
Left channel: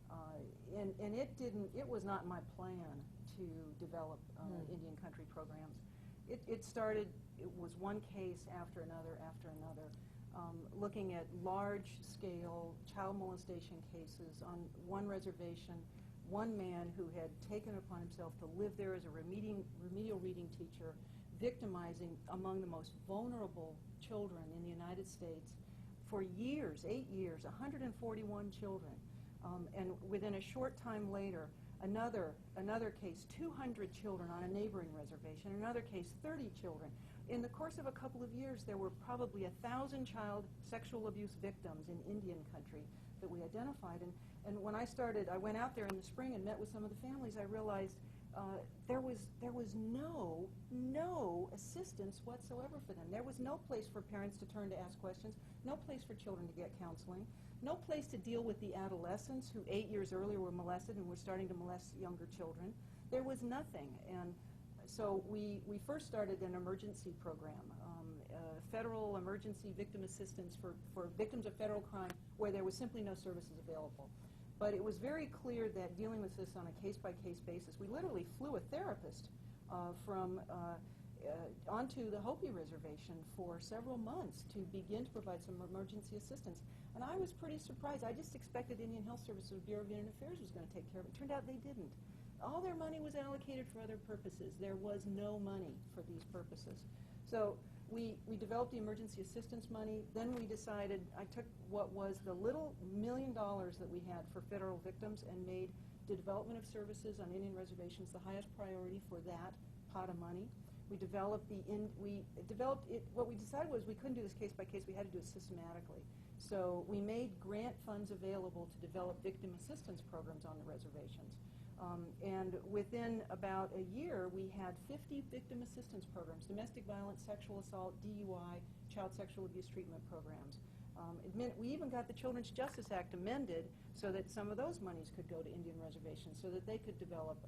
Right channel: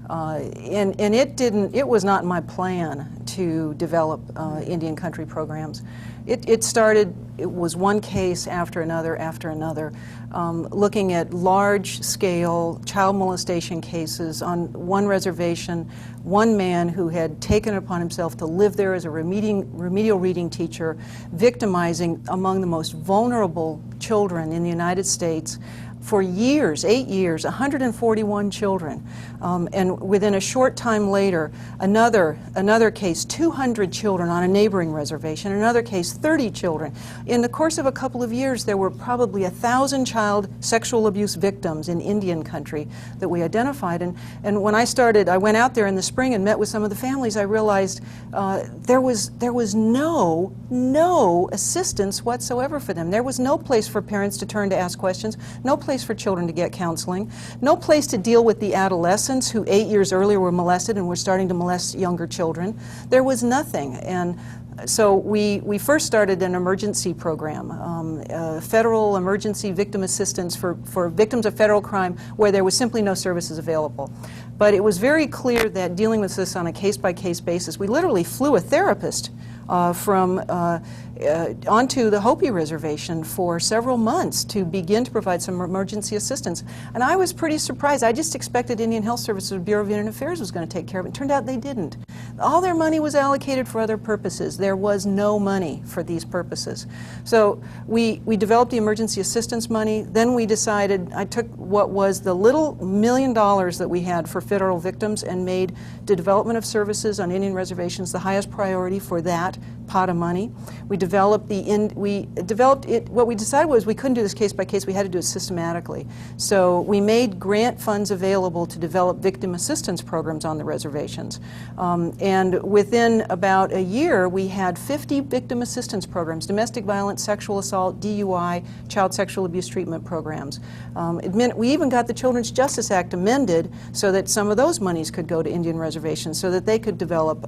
And it was not my plan to develop Indian country programs. It was one case after another, looking at large-scale child molestation cases on one reservation, one man who had taken it upon himself to live there as a remedial reading teacher, victimizing among the most vulnerable children in the United States for years, 8 years, 141 children. And within a short time later, another case, 200 children on a neighboring reservation, another case, 30 children. In the course of a couple of years, there were probably 1,000 child sexual abuse victims in Indian country that we identified. And when I went out there in the spring and met with some of the families, I realized there was no assistance whatsoever for them. There was no place for parents to turn to ask questions, no place for children to get counseling, no place to deal with the adolescents who 8 years earlier were molested and were starting to molest younger children. There was nothing. And so we first started an emergency program, federal emergency victim assistance for victims of federal crime where there was simply no services available. But it was very clear that dealing with this on a case-by-case basis, we literally flew a therapist onto the Hopi Reservation for several months to begin to provide some emergency assistance. And I was pretty surprised. I just expected Indian Health Services, the Bureau of Indian Affairs was going to take care of it. It turned out they didn't. All their money was allocated for other purposes. There was no money for these purposes. So we developed the emergency assistance money. Then we decided, I took what was the little $1 million that we had for federal victims and made the development of services on Indian reservations the highest priority for that pot of money. We developed it. What we decided was we couldn't do this case by case. We had to do it systematically. So we made grant funds available to develop victim assistance programs on the reservations. And within about a year, we had 50 victim assistance programs: domestic violence, sexual assault, DUI, child sexual abuse treatment programs. We even got the Children's Justice Act amended so that some of those monies could go to Indian reservations so that they could develop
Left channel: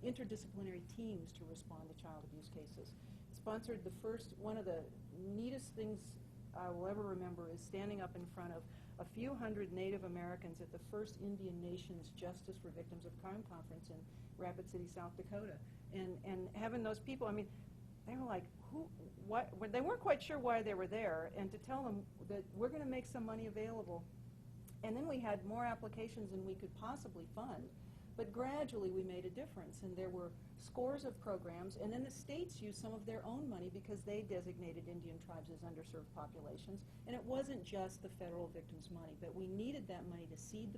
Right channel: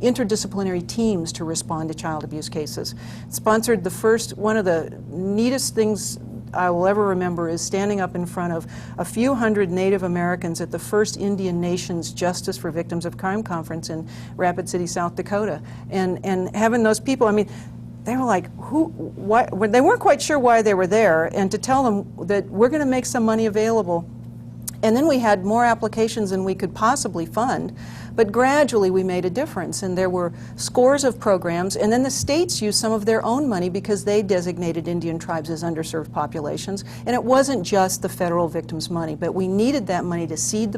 interdisciplinary teams to respond to child abuse cases. Sponsored the first, one of the neatest things I will ever remember is standing up in front of a few hundred Native Americans at the first Indian Nations Justice for Victims of Crime conference in Rapid City, South Dakota. And having those people, I mean, they were like, why? They weren't quite sure why they were there, and to tell them that we're going to make some money available. And then we had more applications than we could possibly fund, but gradually we made a difference, and there were scores of programs, and then the states used some of their own money because they designated Indian tribes as underserved populations, and it wasn't just the federal victims' money, but we needed that money to seed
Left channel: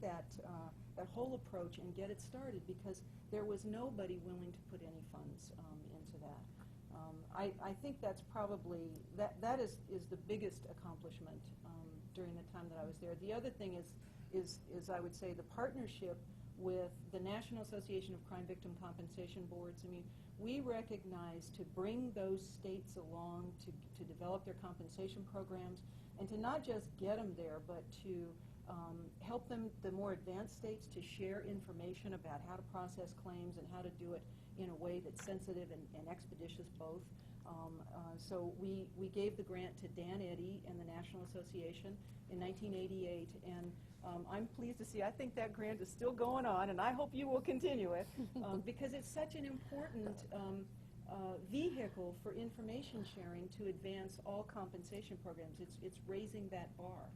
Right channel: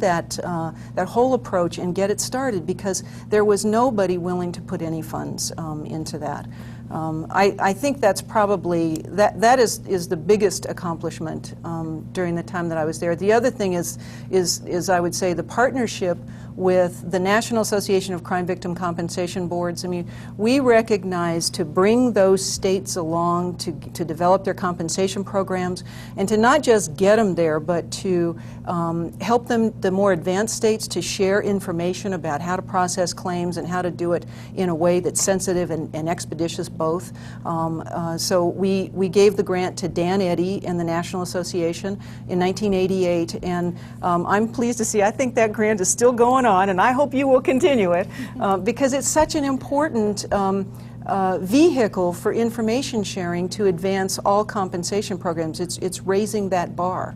that whole approach and get it started, because there was nobody willing to put any funds into that. I think that's probably, that is the biggest accomplishment during the time that I was there. The other thing is I would say the partnership with the National Association of Crime Victim Compensation Boards. I mean, we recognize to bring those states along to develop their compensation programs, and to not just get them there, but to help them, the more advanced states, to share information about how to process claims and how to do it in a way that's sensitive and expeditious both. So we gave the grant to Dan Eddy and the National Association in 1988, and I'm pleased to see, I think that grant is still going on, and I hope you will continue it, because it's such an important vehicle for information sharing to advance all compensation programs. It's raising that bar.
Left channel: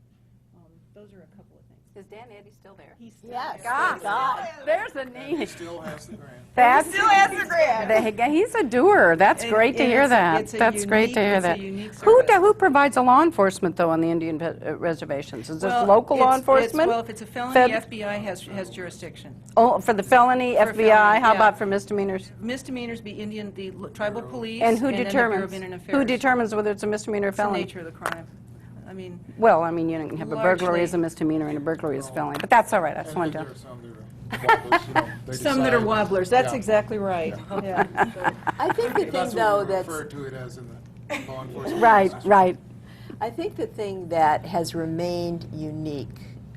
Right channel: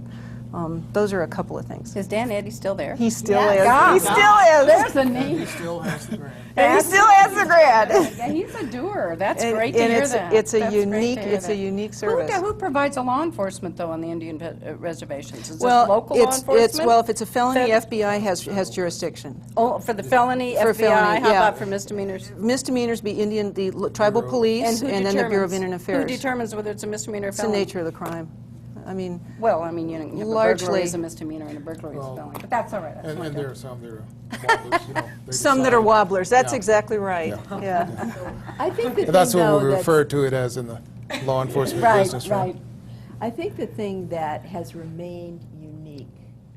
Those are a couple of things. Is Dan Eddy still there? He still is. God. He still is. There's a name. He still has the grant. He still has the grant. He's a doer. That's great to hear that. That's great to hear that. It's a unique service. Who provides the law enforcement, though, on the Indian reservations? Is this local law enforcement? Well, if it's a felony, FBI has jurisdiction. Oh, for the felony, For FBI, felony, how yeah. about for misdemeanors? Misdemeanors be the tribal police, And who then the Bureau of determines, Indian Affairs. who determines whether it's a misdemeanor or It's the felony? nature of the crime. I mean, Well, I mean, you can have a Largely- burglary as a misdemeanor and a burglary as a felony. But that's all right. I just And wanted there to. are some that are wobblers, you know, they some that are decide- wobblers. That's Yeah. exactly right. Yeah. I think the But that's thing, what though, we that's- refer to it as in the law enforcement Right, business. Right. I think the thing that has remained unique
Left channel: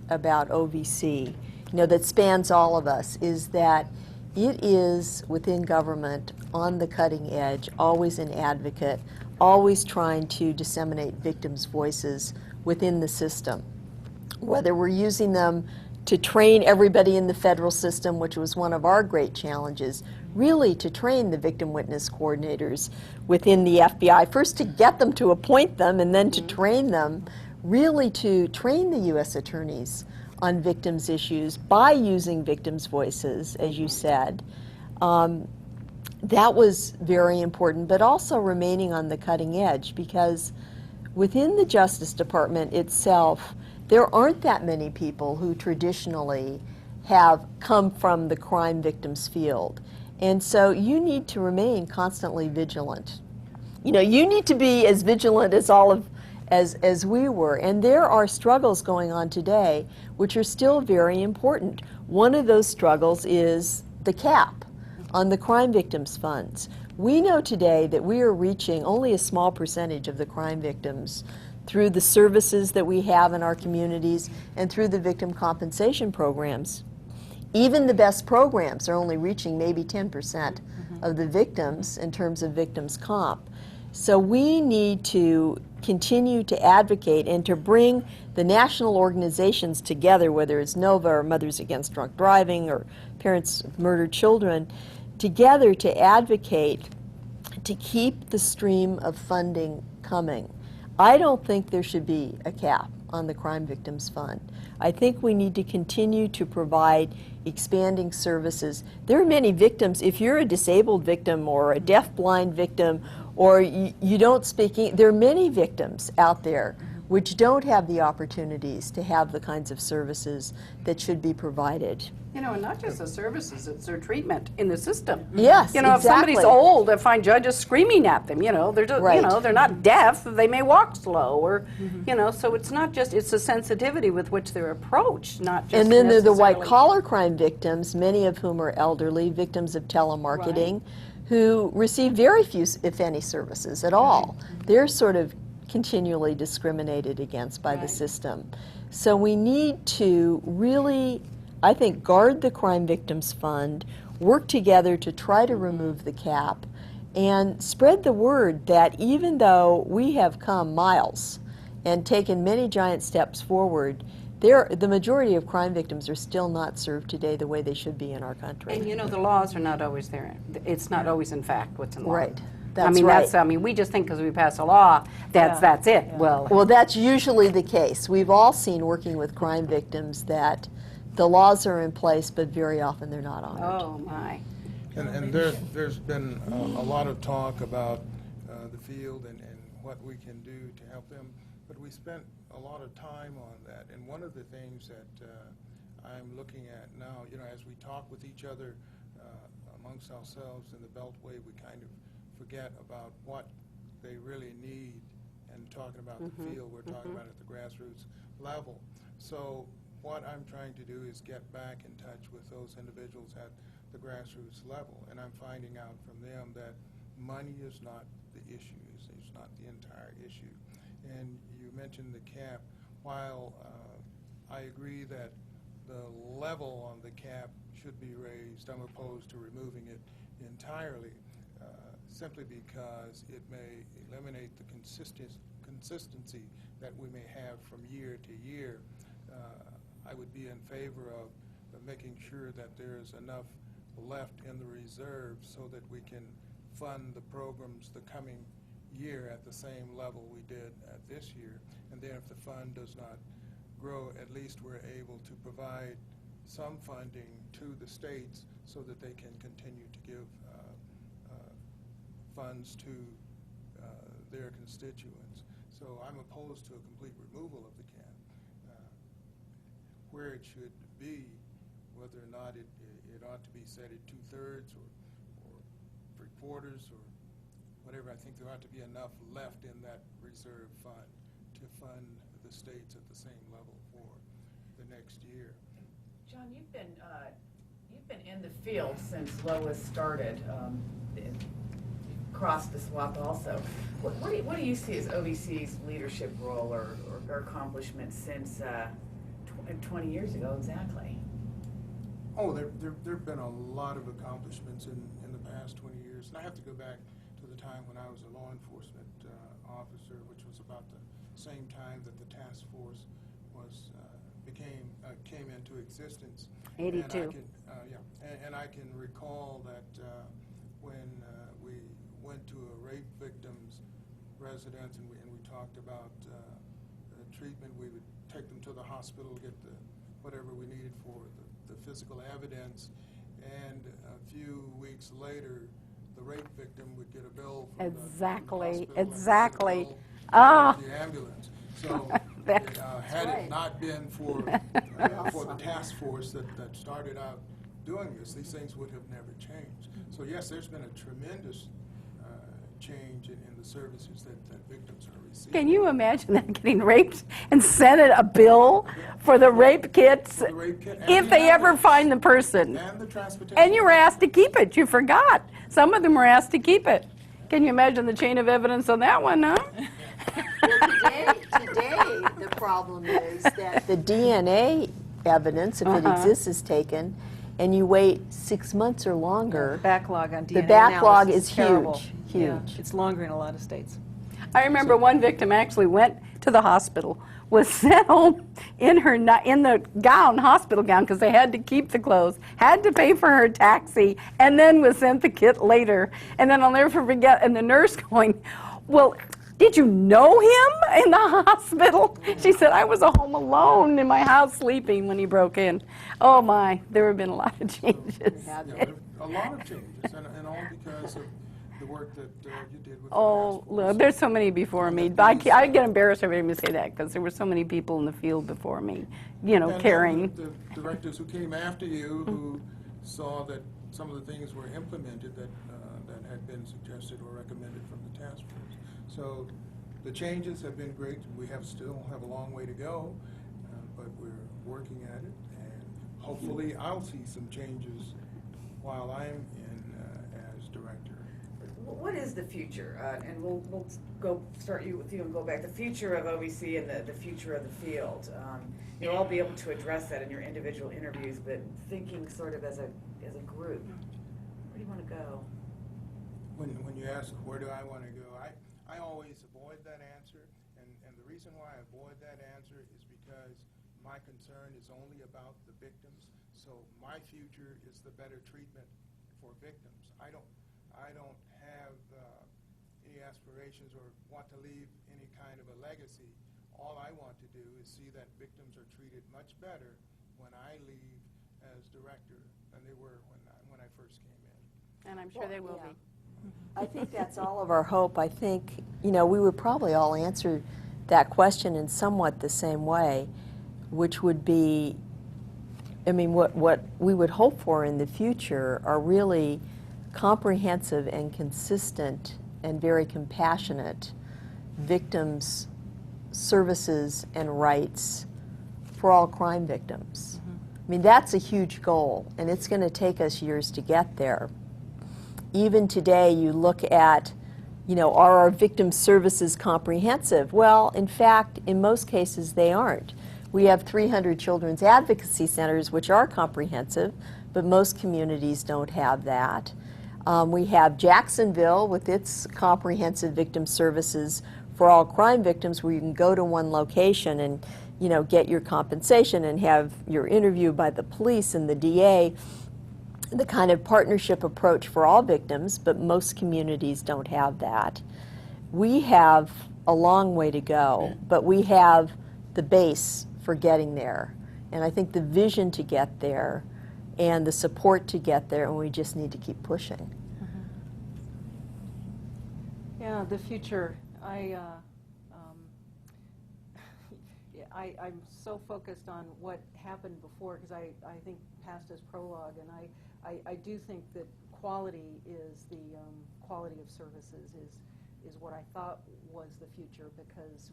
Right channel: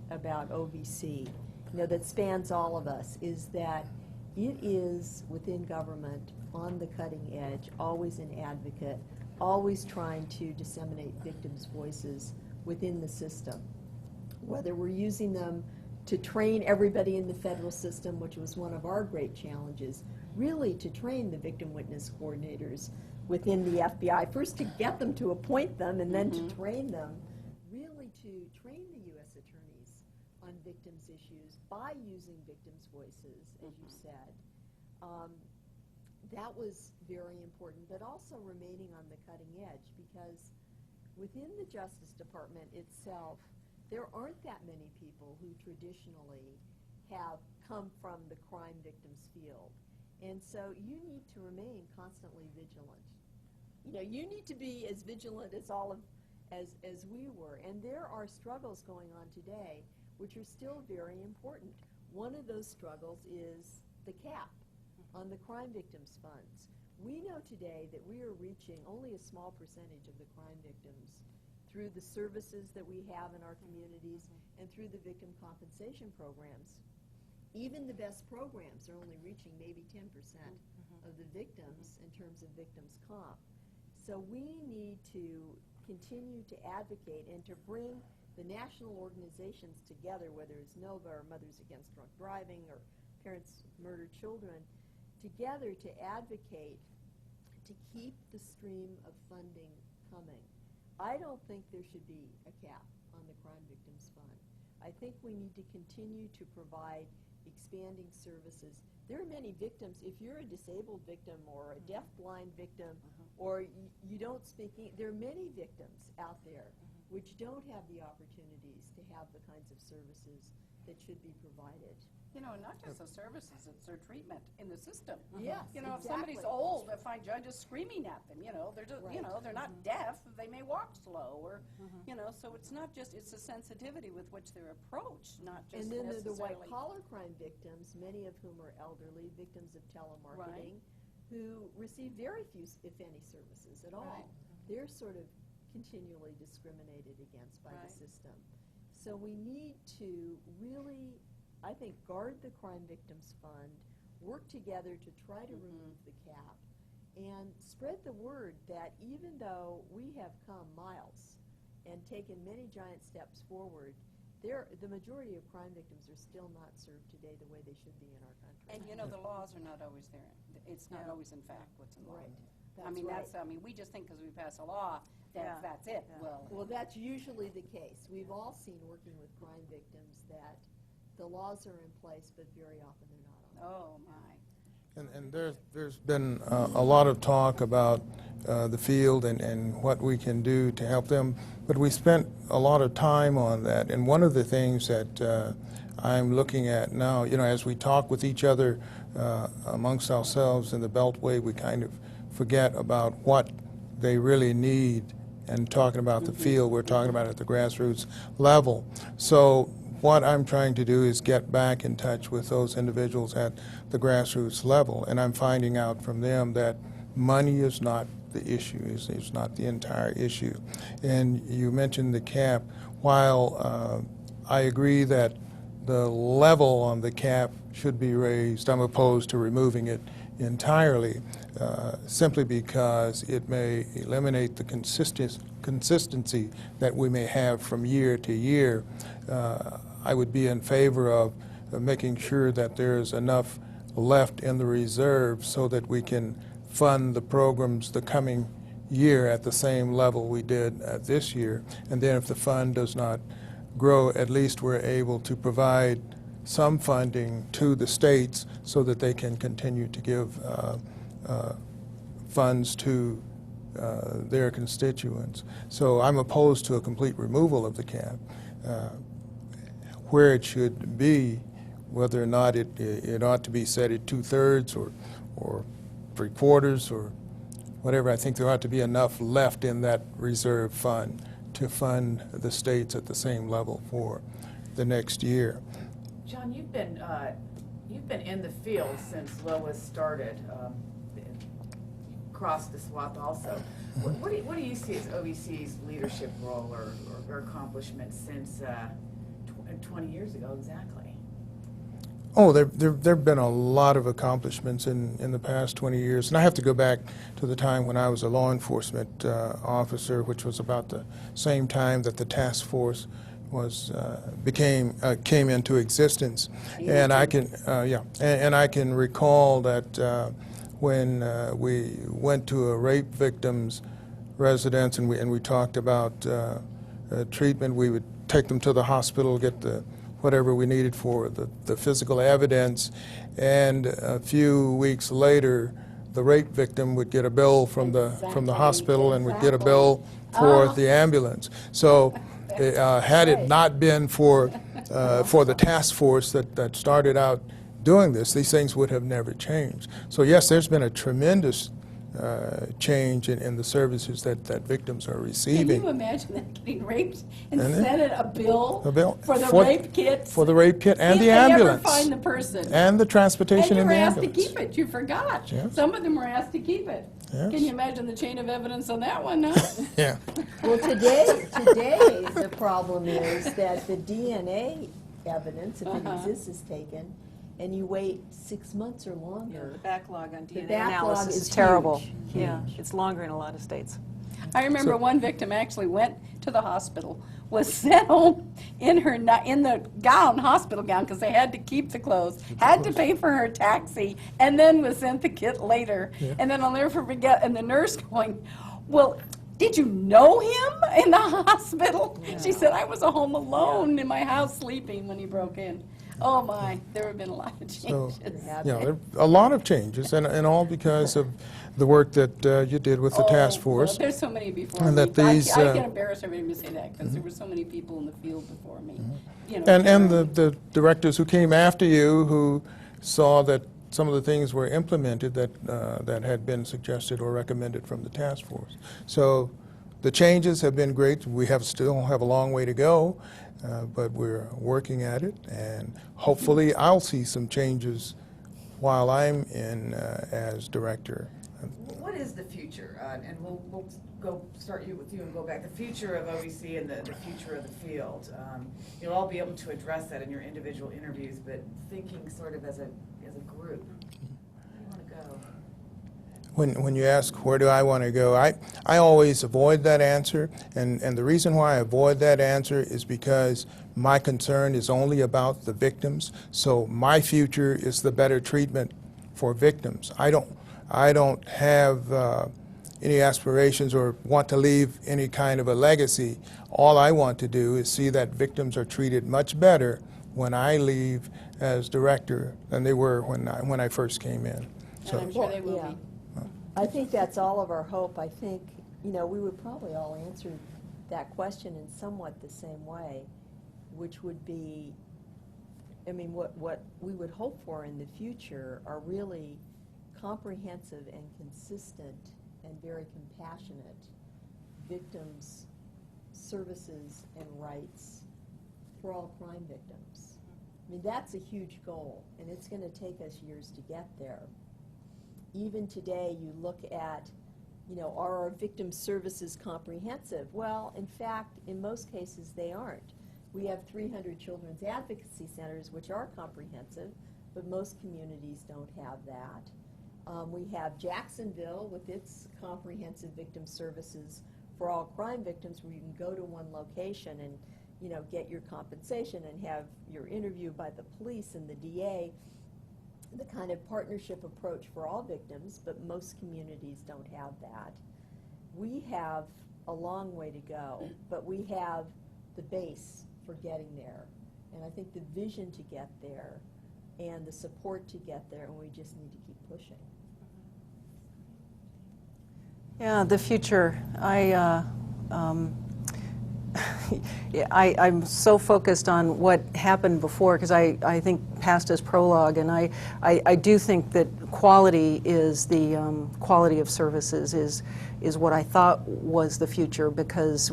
about OVC, that spans all of us, is that it is within government, on the cutting edge, always an advocate, always trying to disseminate victims' voices within the system. Whether we're using them to train everybody in the federal system, which was one of our great challenges, really to train the victim witness coordinators within the FBI, first to get them to appoint them and then to train them, really to train the U.S. attorneys on victims' issues by using victims' voices, as you said. That was very important, but also remaining on the cutting edge, because within the Justice Department itself, there aren't that many people who traditionally have come from the crime victims field. And so you need to remain constantly vigilant. You need to be as vigilant as as we were. And there are struggles going on today which are still very important. One of those struggles is the cap on the crime victims funds. We know today that we are reaching only a small percentage of the crime victims through the services that we have in our communities and through the victim compensation programs. Even the best programs are only reaching maybe 10% of the victims in terms of victims comp. So we need to continue to advocate and to bring the national organizations together, whether it's NOVA or Mothers Against Drunk Driving or Parents of Murdered Children, together to advocate to keep the stream of funding coming. I don't think there should be a cap on the Crime Victims Fund. I think we need to continue to provide expanding services. There are many victims. If you're a disabled victim or a deaf-blind victim or you don't speak English, there are many victims out there which don't have the opportunities to have the kinds of services that should be provided. You know, and not just the services, it's their treatment in the system. Yes, You know, exactly. if somebody's old, I find judges screaming at them, you know, they're just, Right. you know, they're not deaf, they may walk slow, or, you know, so it's not just, it's the sensitivity with which they're approached, not just And then there are the necessarily- white-collar crime victims, many of whom are elderly, victims of telemarketing, who receive very few, if any, services at all. They're sort of continually discriminated against by the system. So we need to really, I think, guard the Crime Victims Fund, work together to try to remove the cap, and spread the word that even though we have come miles and taken many giant steps forward, the majority of crime victims are still not served today the way they should be in our country. And you know, the laws are not always there. It's not always in fact what's in law. Right. I mean, I mean, we just think because we pass a law, that's it. Well, that's usually the case. We've all seen working with crime victims that the laws are in place, but very often they're not honored. Oh, my. And there's been a lot of talk about the field and what we can do to help them, but we spent a lot of time on that. And one of the things that I'm looking at now, you know, as we talk with each other amongst ourselves in the Beltway, we kind of forget about what they really need. And talking about the field, we're talking about at the grassroots level. So what I'm trying to do is get back in touch with those individuals at the grassroots level, and I'm finding out from them that money is not the issue, it's not the entire issue. And you mentioned the cap. While I agree that the level on the cap should be raised, I'm opposed to removing it entirely, simply because it may eliminate the consistency that we may have from year to year. I would be in favor of making sure that there's enough left in the reserve so that we can fund the programs the coming year at the same level we did this year. And then if the fund does not grow, at least we're able to provide some funding to the states so that they can continue to give funds to their constituents. So I'm opposed to a complete removal of the cap. Where it should be, whether or not it ought to be set at 2/3 or 3/4 or whatever, I think there ought to be enough left in that reserve fund to fund the states at the same level for the next year. John, you've been in the field since Lois started. You've crossed the swath also. What do you see as OVC's leadership role or accomplishments since 20 years ago exactly? Oh, there have been a lot of accomplishments in the past 20 years. And I have to go back to the time when I was a law enforcement officer, which was about the same time that the task force came into existence. And I can and I can recall that when we went to a rape victim's residence and we talked about treatment, we would take them to the hospital, get whatever we needed for the physical evidence, and a few weeks later, the rape victim would get a bill from the hospital and would get a bill for the ambulance. So had it not been for the task force that started out doing this, these things would have never changed. So yes, there's been a tremendous change in the services that victims are receiving. Can you imagine that, getting raped and sent a bill for the For- rape kit? For the rape kit and if the they ambulance. ever find the person. And the transportation. And you were the asked to ambulance. keep it. You forgot. Yes. Some of them were asked to keep it. Yes. Can you imagine the chain of evidence on that one, huh? Yeah. Well, today the problem is that the DNA evidence, if it exists, is taken, and you wait 6 months or longer. Backlog on DNA The backlog analysis is terrible. huge. Yeah, it's longer in a lot of states. I remember one victim actually went to the hospital, was sent home in the hospital gown, because they had to keep the clothes, had to pay for her taxi, and then was sent the kit later. And then I'll never forget, and the nurse going, well, did you know him in the hospital? She said, I was at home alone in my house sleeping when he broke in. Oh my, there have been a lot of changes. Yeah, there are a lot of changes, and all because of the work that you did with the task force. Well, there's so many before And me. that these, I get embarrassed every time you say that, because there were so many people in the field before me, you know, And caring. the directors who came after you, who saw that some of the things were implemented that had been suggested or recommended from the task force. So the changes have been great. We still have a long way to go, but we're working at it, and hopefully I'll see some changes while I'm in as director. What is the future? And we'll start with you and go back. The future of OVC and the future of the field. You'll all be able to address that in your individual interviews, but thinking sort of as a group. Where do you want to go? When you ask where do I want to go, I always avoid that answer, and the reason why I avoid that answer is because my concern is only about the victims. So my future is the better treatment for victims. I don't have any aspirations or want to leave any kind of a legacy. All I want to do is see that victims are treated much better when I leave as director than they were when I first came in. So. And I'm sure they will be. I think that's all of our hope. I think, you know, we would probably all answer that question in somewhat the same way, which would be, I mean, what we would hope for in the future are really comprehensive and consistent and very compassionate victims' services and rights for all crime victims. I mean, that's a huge goal, and it's going to take us years to get there. Even today, you look at, you know, are our victim services comprehensive? Well, in fact, in most cases, they aren't. We have 300 children's advocacy centers, which are comprehensive, but most communities don't have that. We have Jacksonville with its comprehensive victim services for all crime victims, where you can go to one location and, you know, get your compensation and have your interview by the police and the DA. The kind of partnership approach for all victims, but most communities don't have that. We have a long way to go, but we have the base for getting there. And I think the vision to get there and the support to get there, and we just need to keep pushing. Yeah, the future. I'm so focused on what happened before, because I think past is prologue, and I do think that quality is the quality of services is what I thought was the future, because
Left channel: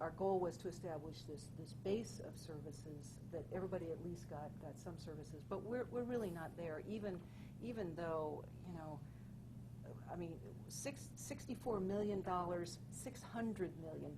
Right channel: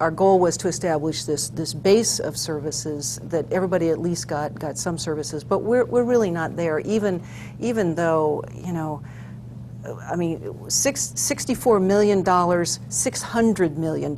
our goal was to establish this base of services that everybody at least got some services, but we're really not there, even though, you know, I mean, $64 million, $600 million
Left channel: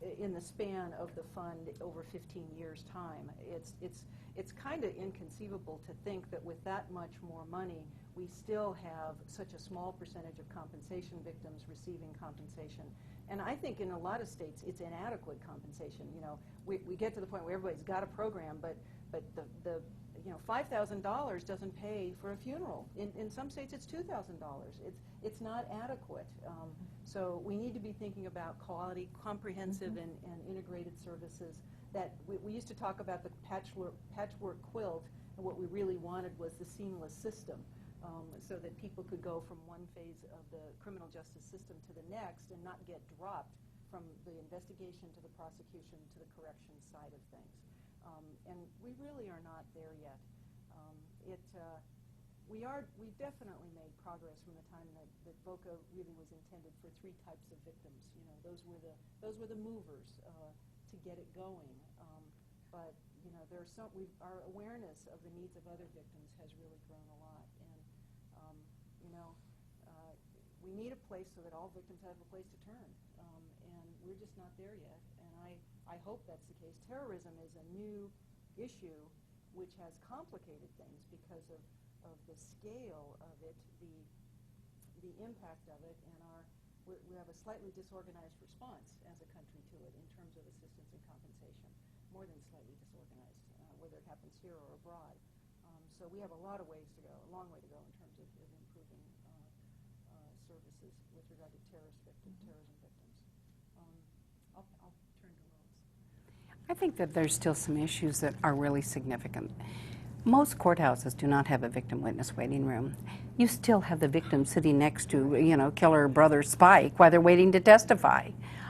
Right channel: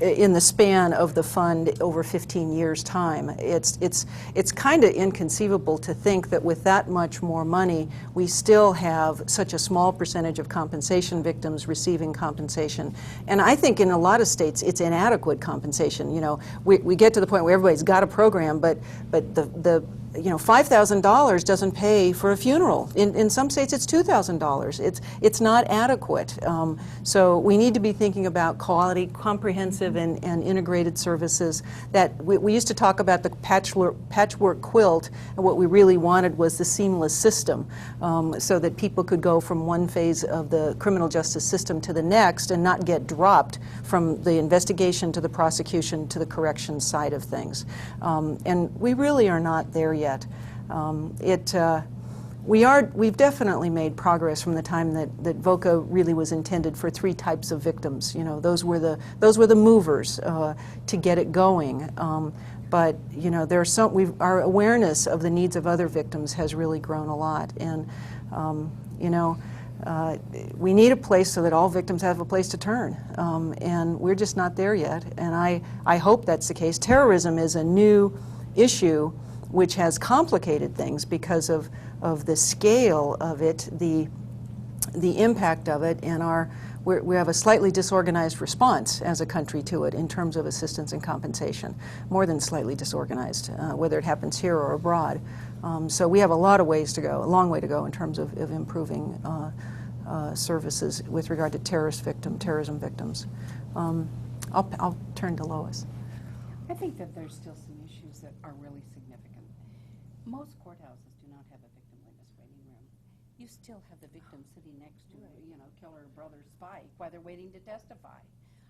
in the span of the fund over 15 years' time. It's kind of inconceivable to think that with that much more money, we still have such a small percentage of compensation victims receiving compensation. And I think in a lot of states, it's inadequate compensation. You know, we get to the point where everybody's got a program, but the you know, $5,000 doesn't pay for a funeral. In some states, it's $2,000. It's not adequate. So we need to be thinking about quality, comprehensive, and integrated services. That we used to talk about the patchwork quilt, and what we really wanted was the seamless system, so that people could go from one phase of the criminal justice system to the next and not get dropped from the investigation to the prosecution to the corrections side of things. And we really are not there yet. We've definitely made progress from the time that VOCA really was intended for 3 types of victims. You know, those were the movers to get it going. But you know, our awareness of the needs of other victims has really grown a lot, and you know, we need a place so that all victims have a place to turn, and we're just not there yet. And I hope that's the case. Terrorism is a new issue which has complicated things because of the scale of it, the impact of it, and we have a slightly disorganized response as a country to it in terms of assistance and compensation, more than slightly disorganized, whether it happens here or abroad. So we have a lot of ways to go, a long way to go in terms of improving services with regard to terrorism victims. I'll turn to Lois. I think that there's still some issues that are really significant. Most courthouses do not have a victim witness waiting room. You still have the victim sitting next to, you know, killer brother Spike while they're waiting to testify.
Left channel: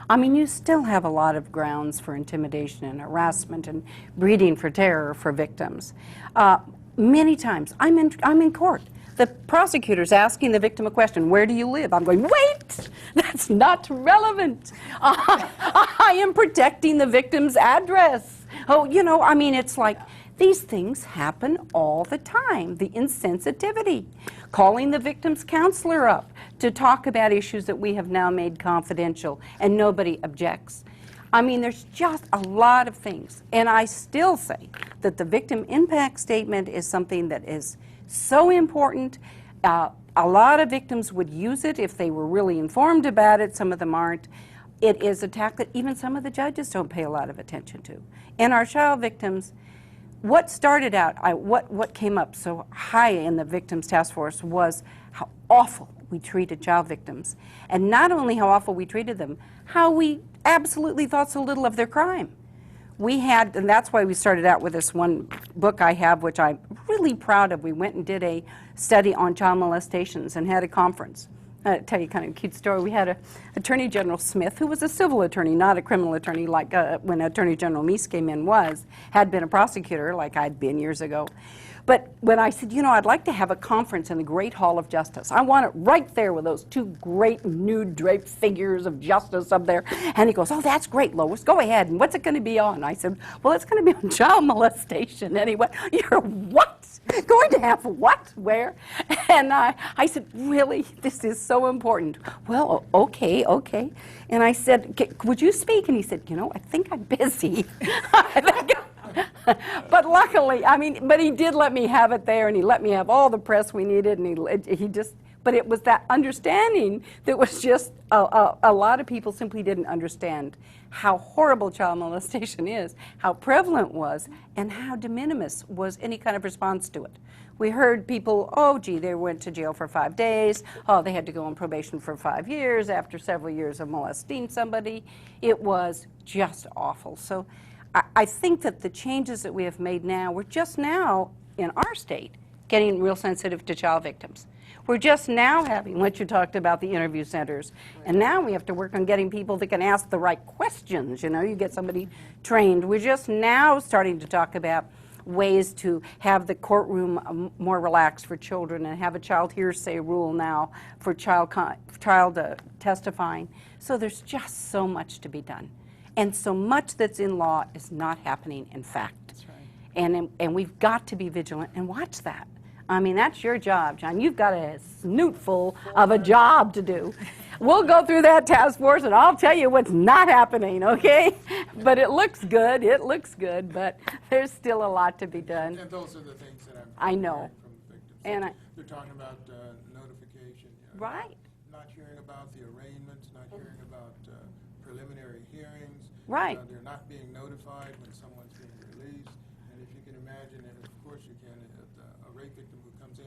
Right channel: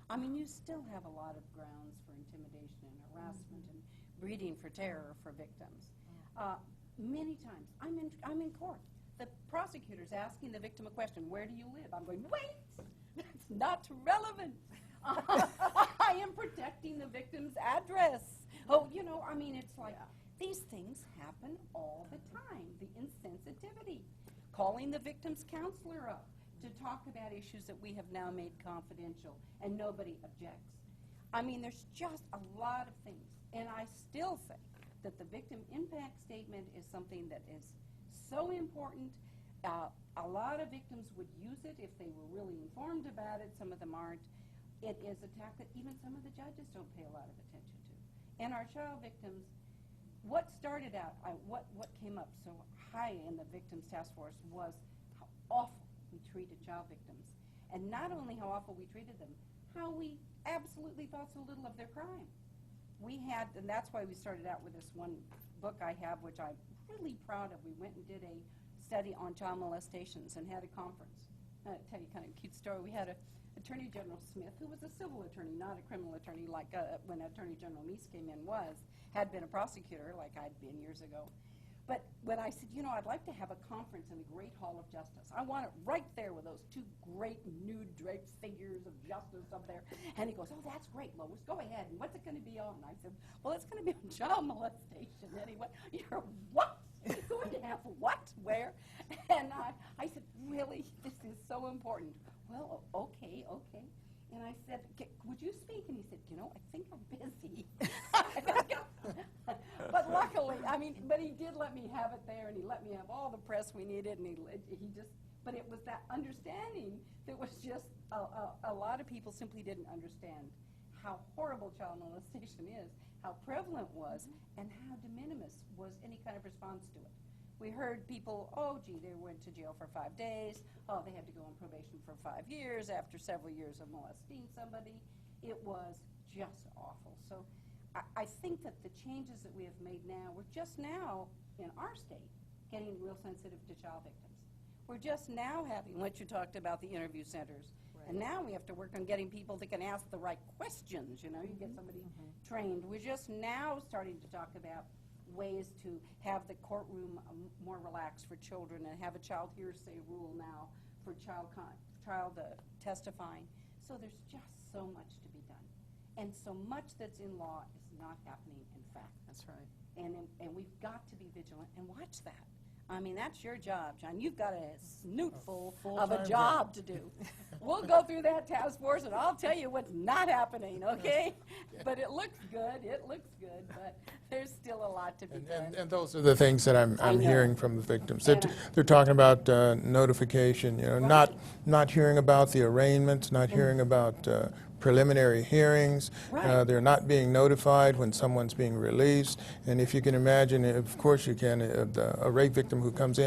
I mean, you still have a lot of grounds for intimidation and harassment and breeding for terror for victims. Many times, I'm in court. The prosecutor's asking the victim a question, where do you live? I'm going, wait, that's not relevant. I am protecting the victim's address. Oh, you know, I mean, it's like, these things happen all the time. The insensitivity. Calling the victim's counselor up to talk about issues that we have now made confidential and nobody objects. I mean, there's just a lot of things. And I still say that the victim impact statement is something that is so important. A lot of victims would use it if they were really informed about it. Some of them aren't. It is a tack that even some of the judges don't pay a lot of attention to. And our child victims, what started out, what came up so high in the victims task force was how awful we treated child victims. And not only how awful we treated them, how we absolutely thought so little of their crime. We had, and that's why we started out with this one book I have, which I'm really proud of. We went and did a study on child molestations and had a conference. I'll tell you kind of a cute story. We had Attorney General Smith, who was a civil attorney, not a criminal attorney like when Attorney General Meese came in had been a prosecutor like I'd been years ago. But when I said, you know, I'd like to have a conference in the Great Hall of Justice. I want it right there with those two great nude draped figures of justice up there. And he goes, oh, that's great, Lois. Go ahead. And what's it going to be on? I said, well, it's going to be on child molestation. And he went, you're what? Going to have what? Where? And I said, really? This is so important. Well, okay. And I said, would you speak? And he said, you know, I think I'm busy. But luckily, I mean, but he did let me have it there, and he let me have all the press we needed, and he just, but it was that understanding that was just, a lot of people simply didn't understand how horrible child molestation is, how prevalent it was, and how de minimis was any kind of response to it. We heard people, oh, gee, they went to jail for 5 days. Oh, they had to go on probation for 5 years after several years of molesting somebody. It was just awful. So I think that the changes that we have made now, we're just now, in our state, getting real sensitive to child victims. We're just now having what you talked about, the interview centers. And now we have to work on getting people that can ask the right questions. You know, you get somebody trained. We're just now starting to talk about ways to have the courtroom more relaxed for children and have a child hearsay rule now for child testifying. So there's just so much to be done. And so much that's in law is not happening in fact. That's right. And we've got to be vigilant and watch that. I mean, that's your job, John. You've got a snootful of a job to do. We'll go through that task force, and I'll tell you what's not happening, okay? But it looks good, but there's still a lot to be done. And those are the things that I'm hearing from the victims. They're talking about notification, you know, right. not hearing about the arraignments, not hearing about preliminary hearings. Right. They're not being notified when someone's being released. And if you can imagine, of course you can, a rape victim who comes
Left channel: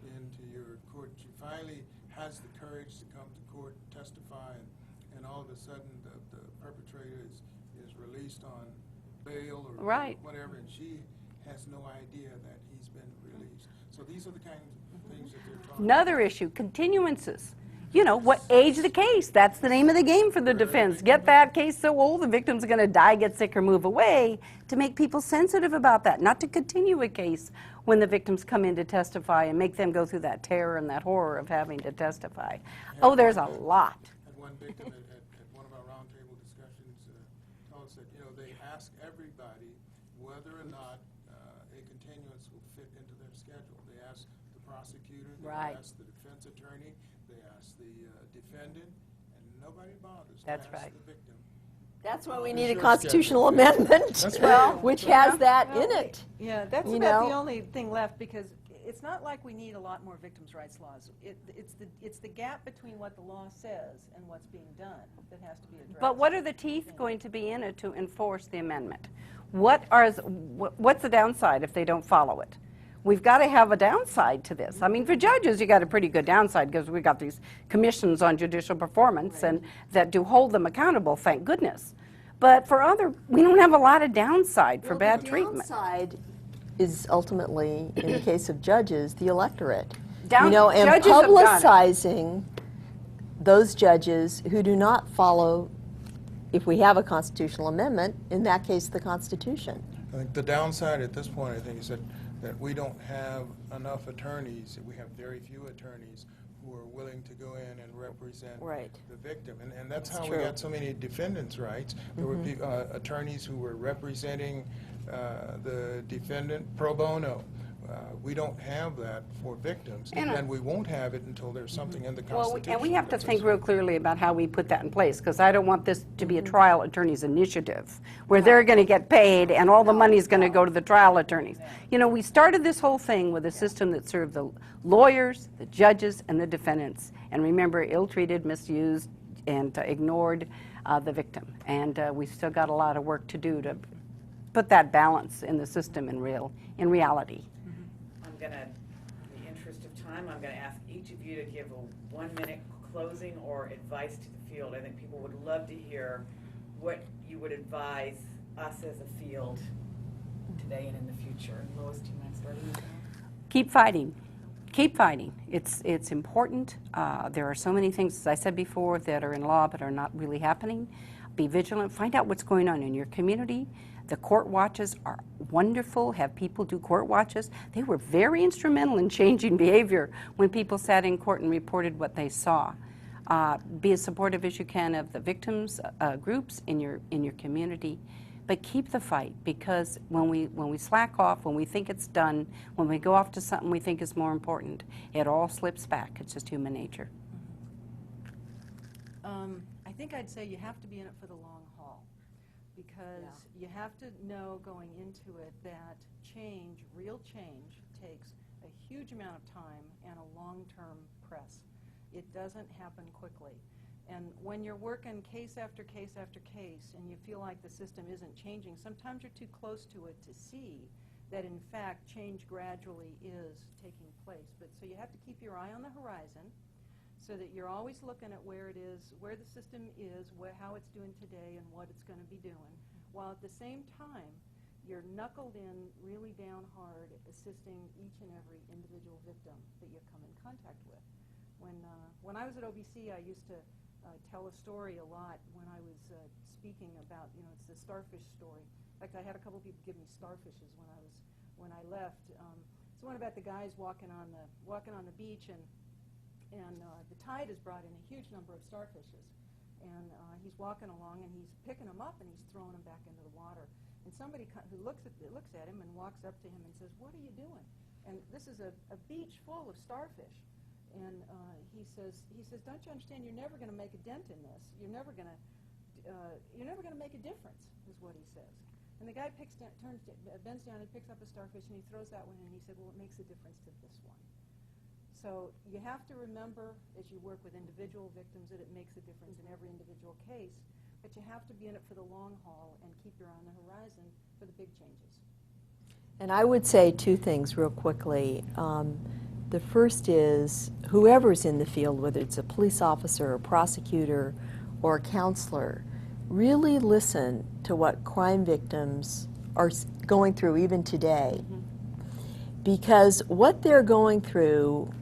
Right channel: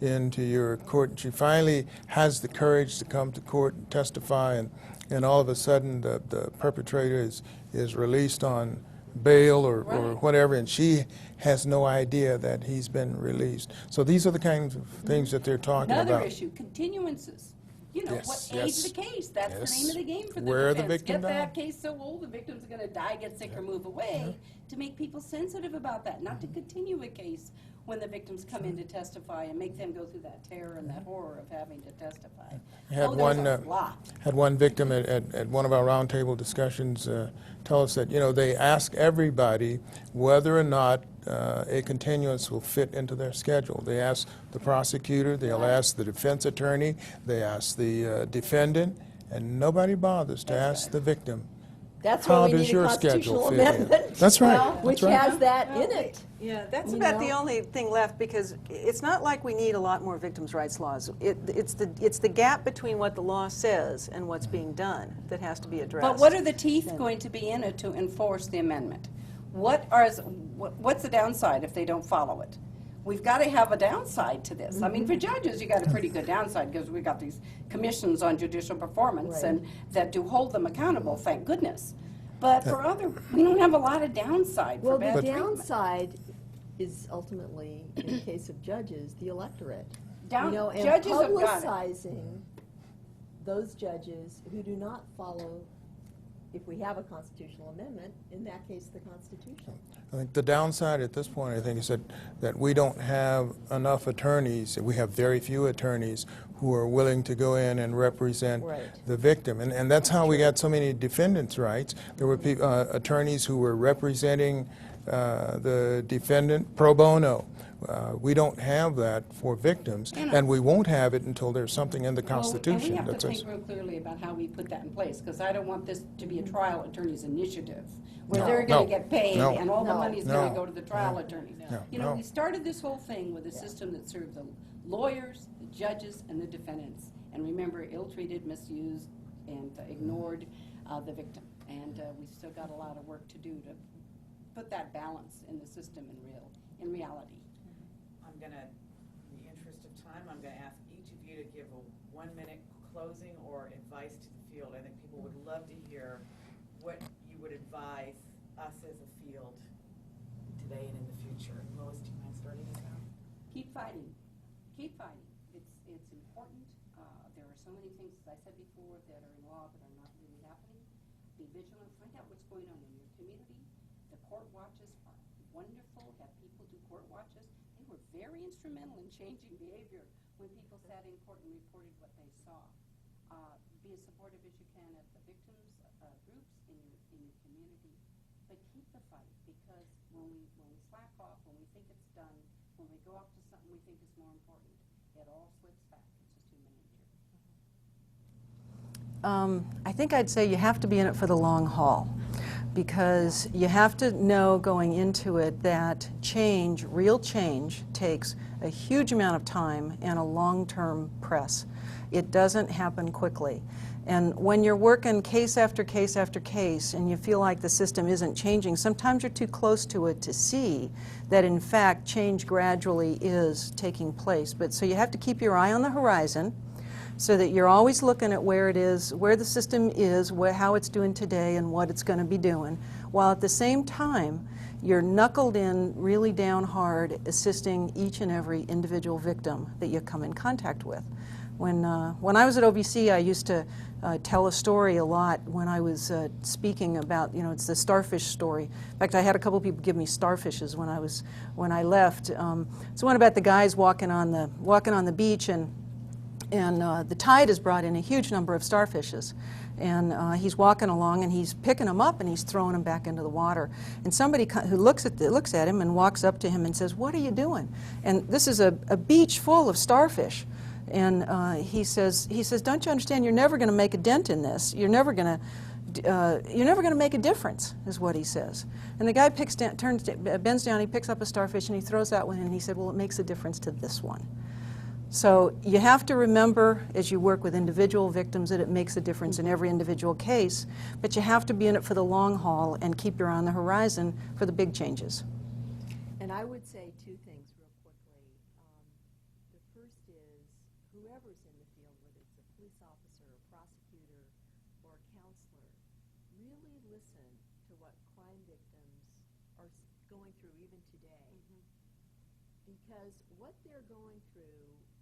into your court, she finally has the courage to come to court and testify, and all of a sudden the perpetrator is released on bail or whatever, and she has no idea that he's been released. So these are the kinds of things that they're talking about. Another issue, continuances. You know, what age the case? That's the name of the game for the defense. Get that case so old the victim's going to die, get sick, or move away, to make people sensitive about that, not to continue a case when the victims come in to testify and make them go through that terror and that horror of having to testify. Oh, there's a lot. Had one victim at one of our roundtable discussions tell us that, you know, they ask everybody whether or not a continuance will fit into their schedule. They ask the prosecutor, they'll ask the defense attorney, they ask the defendant, and nobody bothers to ask the victim, That's How why we does need a your constitutional schedule fit? amendment. That's right. Which That's right. has that in it. Yeah, that's You about know? the only thing left, because it's not like we need a lot more victims' rights laws. It's the gap between what the law says and what's being done that has to be addressed. But what are the teeth going to be in it to enforce the amendment? What's the downside if they don't follow it? We've got to have a downside to this. I mean, for judges, you got a pretty good downside because we got these commissions on judicial performance and that do hold them accountable, thank goodness. But for we don't have a lot of downside for bad the treatment. downside is ultimately, in the case of judges, the electorate. Judges and have got it. publicizing those judges who do not follow, if we have a constitutional amendment, in that case, the Constitution. I think the downside at this point, I think, is that we don't have enough attorneys. We have very few attorneys who are willing to go in and represent the victim. And that's how we got so many defendants' rights. There were attorneys who were representing the defendant pro bono. We don't have that for victims, and we won't have it until there's something in the Constitution. And we have to that think says- real clearly about how we put that in place, because I don't want this to be a trial attorney's initiative, where they're going to get paid No. and all the money's going to No. go to the trial attorneys. You know, we started this whole thing with a system that served the lawyers, the judges, and the defendants, and remember, ill-treated, misused, and ignored the victim. And we've still got a lot of work to do to put that balance in the system in reality. I'm gonna, in the interest of time, I'm gonna ask each of you to give a 1-minute closing or advice to the field. I think people would love to hear what you would advise us as a field today and in the future. And Lois, do you mind starting with that? Keep fighting. Keep fighting. It's important. There are so many things, as I said before, that are in law but are not really happening. Be vigilant. Find out what's going on in your community. The court watches are wonderful. Have people do court watches. They were very instrumental in changing behavior when people sat in court and reported what they saw. Be as supportive as you can of the victims groups in your community, but keep the fight, because when we slack off, when we think it's done, when we go off to something we think is more important, it all slips back. It's just human nature. I think I'd say you have to be in it for the long haul, because you have to know going into it that change, real change, takes a huge amount of time and a long-term press. It doesn't happen quickly. And when you're working case after case after case and you feel like the system isn't changing, sometimes you're too close to it to see that in fact change gradually is taking place. But so you have to keep your eye on the horizon, so that you're always looking at where it is, where the system is, how it's doing today, and what it's going to be doing, while at the same time you're knuckled in really down hard assisting each and every individual victim that you come in contact with. When I was at OVC, I used to tell a story a lot when I was speaking about, it's the starfish story. In fact, I had a couple people give me starfishes when I left. It's one about the guys walking on the beach, and the tide has brought in a huge number of starfishes. And he's walking along and he's picking them up and he's throwing them back into the water. And somebody who looks at him and walks up to him and says, "What are you doing?" And this is a beach full of starfish. And he says, "Don't you understand? You're never going to make a dent in this. You're never going to make a difference," is what he says. And the guy bends down, he picks up a starfish and he throws that one in, and he said, "Well, it makes a difference to this one." So you have to remember, as you work with individual victims, that it makes a difference in every individual case, but you have to be in it for the long haul and keep your eye on the horizon for the big changes. And I would say two things real quickly. The first is whoever's in the field, whether it's a police officer, a prosecutor, or a counselor, really listen to what crime victims are going through even today. Because what they're going through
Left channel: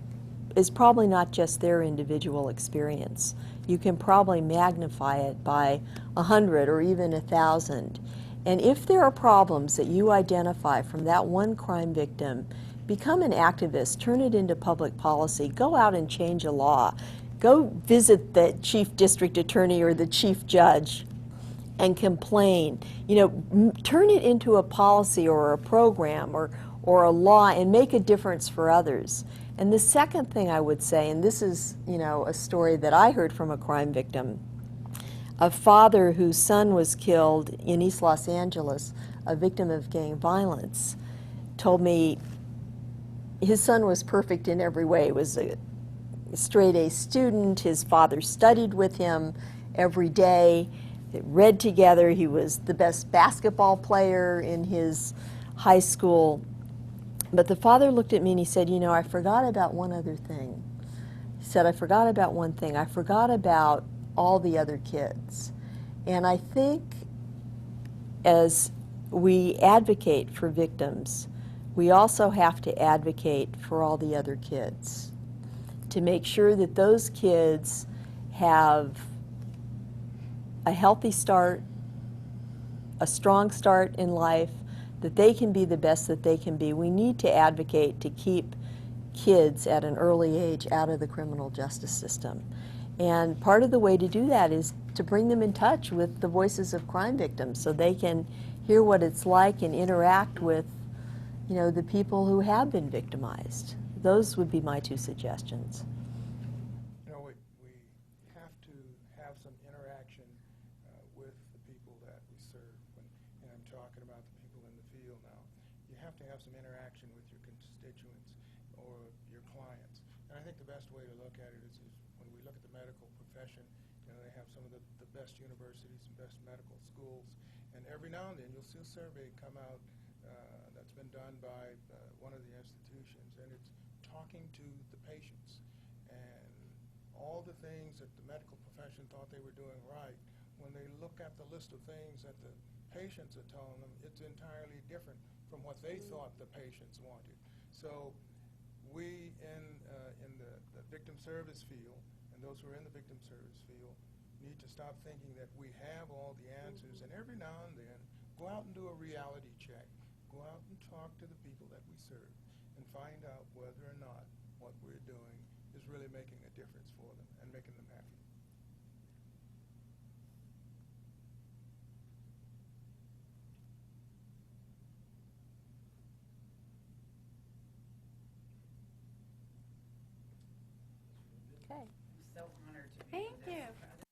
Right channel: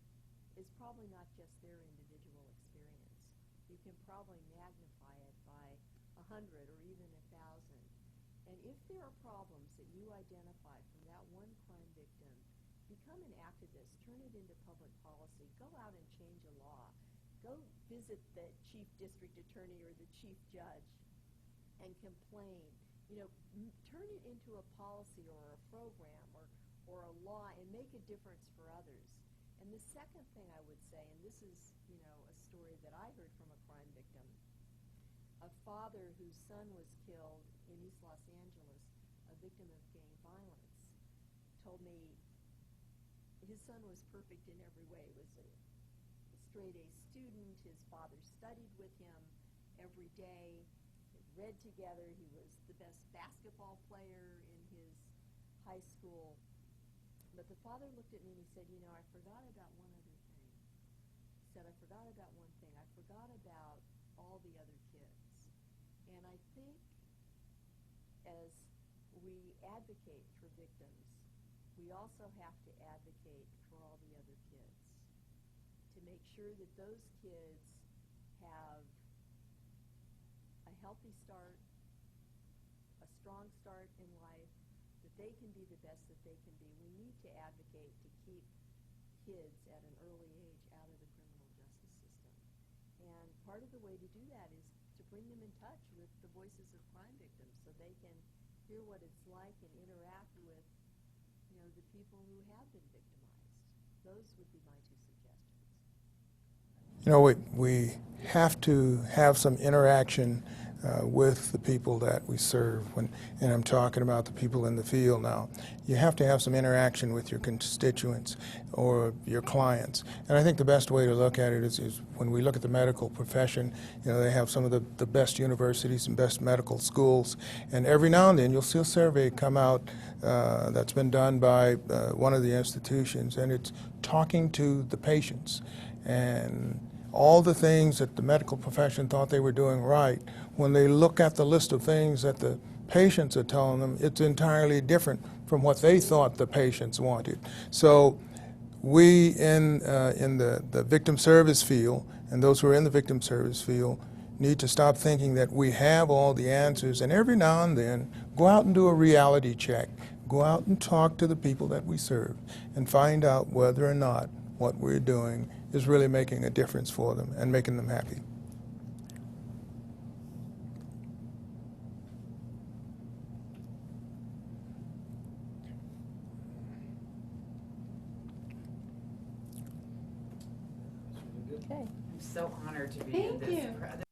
is probably not just their individual experience. You can probably magnify it by 100 or even 1,000. And if there are problems that you identify from that one crime victim, become an activist, turn it into public policy, go out and change a law, go visit the chief district attorney or the chief judge and complain. Turn it into a policy or a program or a law and make a difference for others. And the second thing I would say, and this is, a story that I heard from a crime victim, a father whose son was killed in East Los Angeles, a victim of gang violence, told me his son was perfect in every way. He was a straight A student. His father studied with him every day. They read together. He was the best basketball player in his high school. But the father looked at me and he said, you know, I forgot about one other thing. He said, I forgot about one thing. I forgot about all the other kids. And I think as we advocate for victims, we also have to advocate for all the other kids to make sure that those kids have a healthy start, a strong start in life, that they can be the best that they can be. We need to advocate to keep kids at an early age out of the criminal justice system. And part of the way to do that is to bring them in touch with the voices of crime victims so they can hear what it's like and interact with, you know, the people who have been victimized. Those would be my 2 suggestions. You know, we have to have some interaction with the people that we serve, and I'm talking about the people in the field now. You have to have some interaction with your constituents or your clients. And I think the best way to look at it is when we look at the medical profession, you know, they have some of the best universities and best medical schools, and every now and then you'll see a survey come out that's been done by one of the institutions, and it's talking to the patients. And all the things that the medical profession thought they were doing right, when they look at the list of things that the patients are telling them, it's entirely different from what they thought the patients wanted. So we in the victim service field, and those who are in the victim service field, need to stop thinking that we have all the answers, and every now and then go out and do a reality check. Go out and talk to the people that we serve and find out whether or not what we're doing is really making a difference for them and making them happy. Okay. I'm so honored to be in Thank this. you.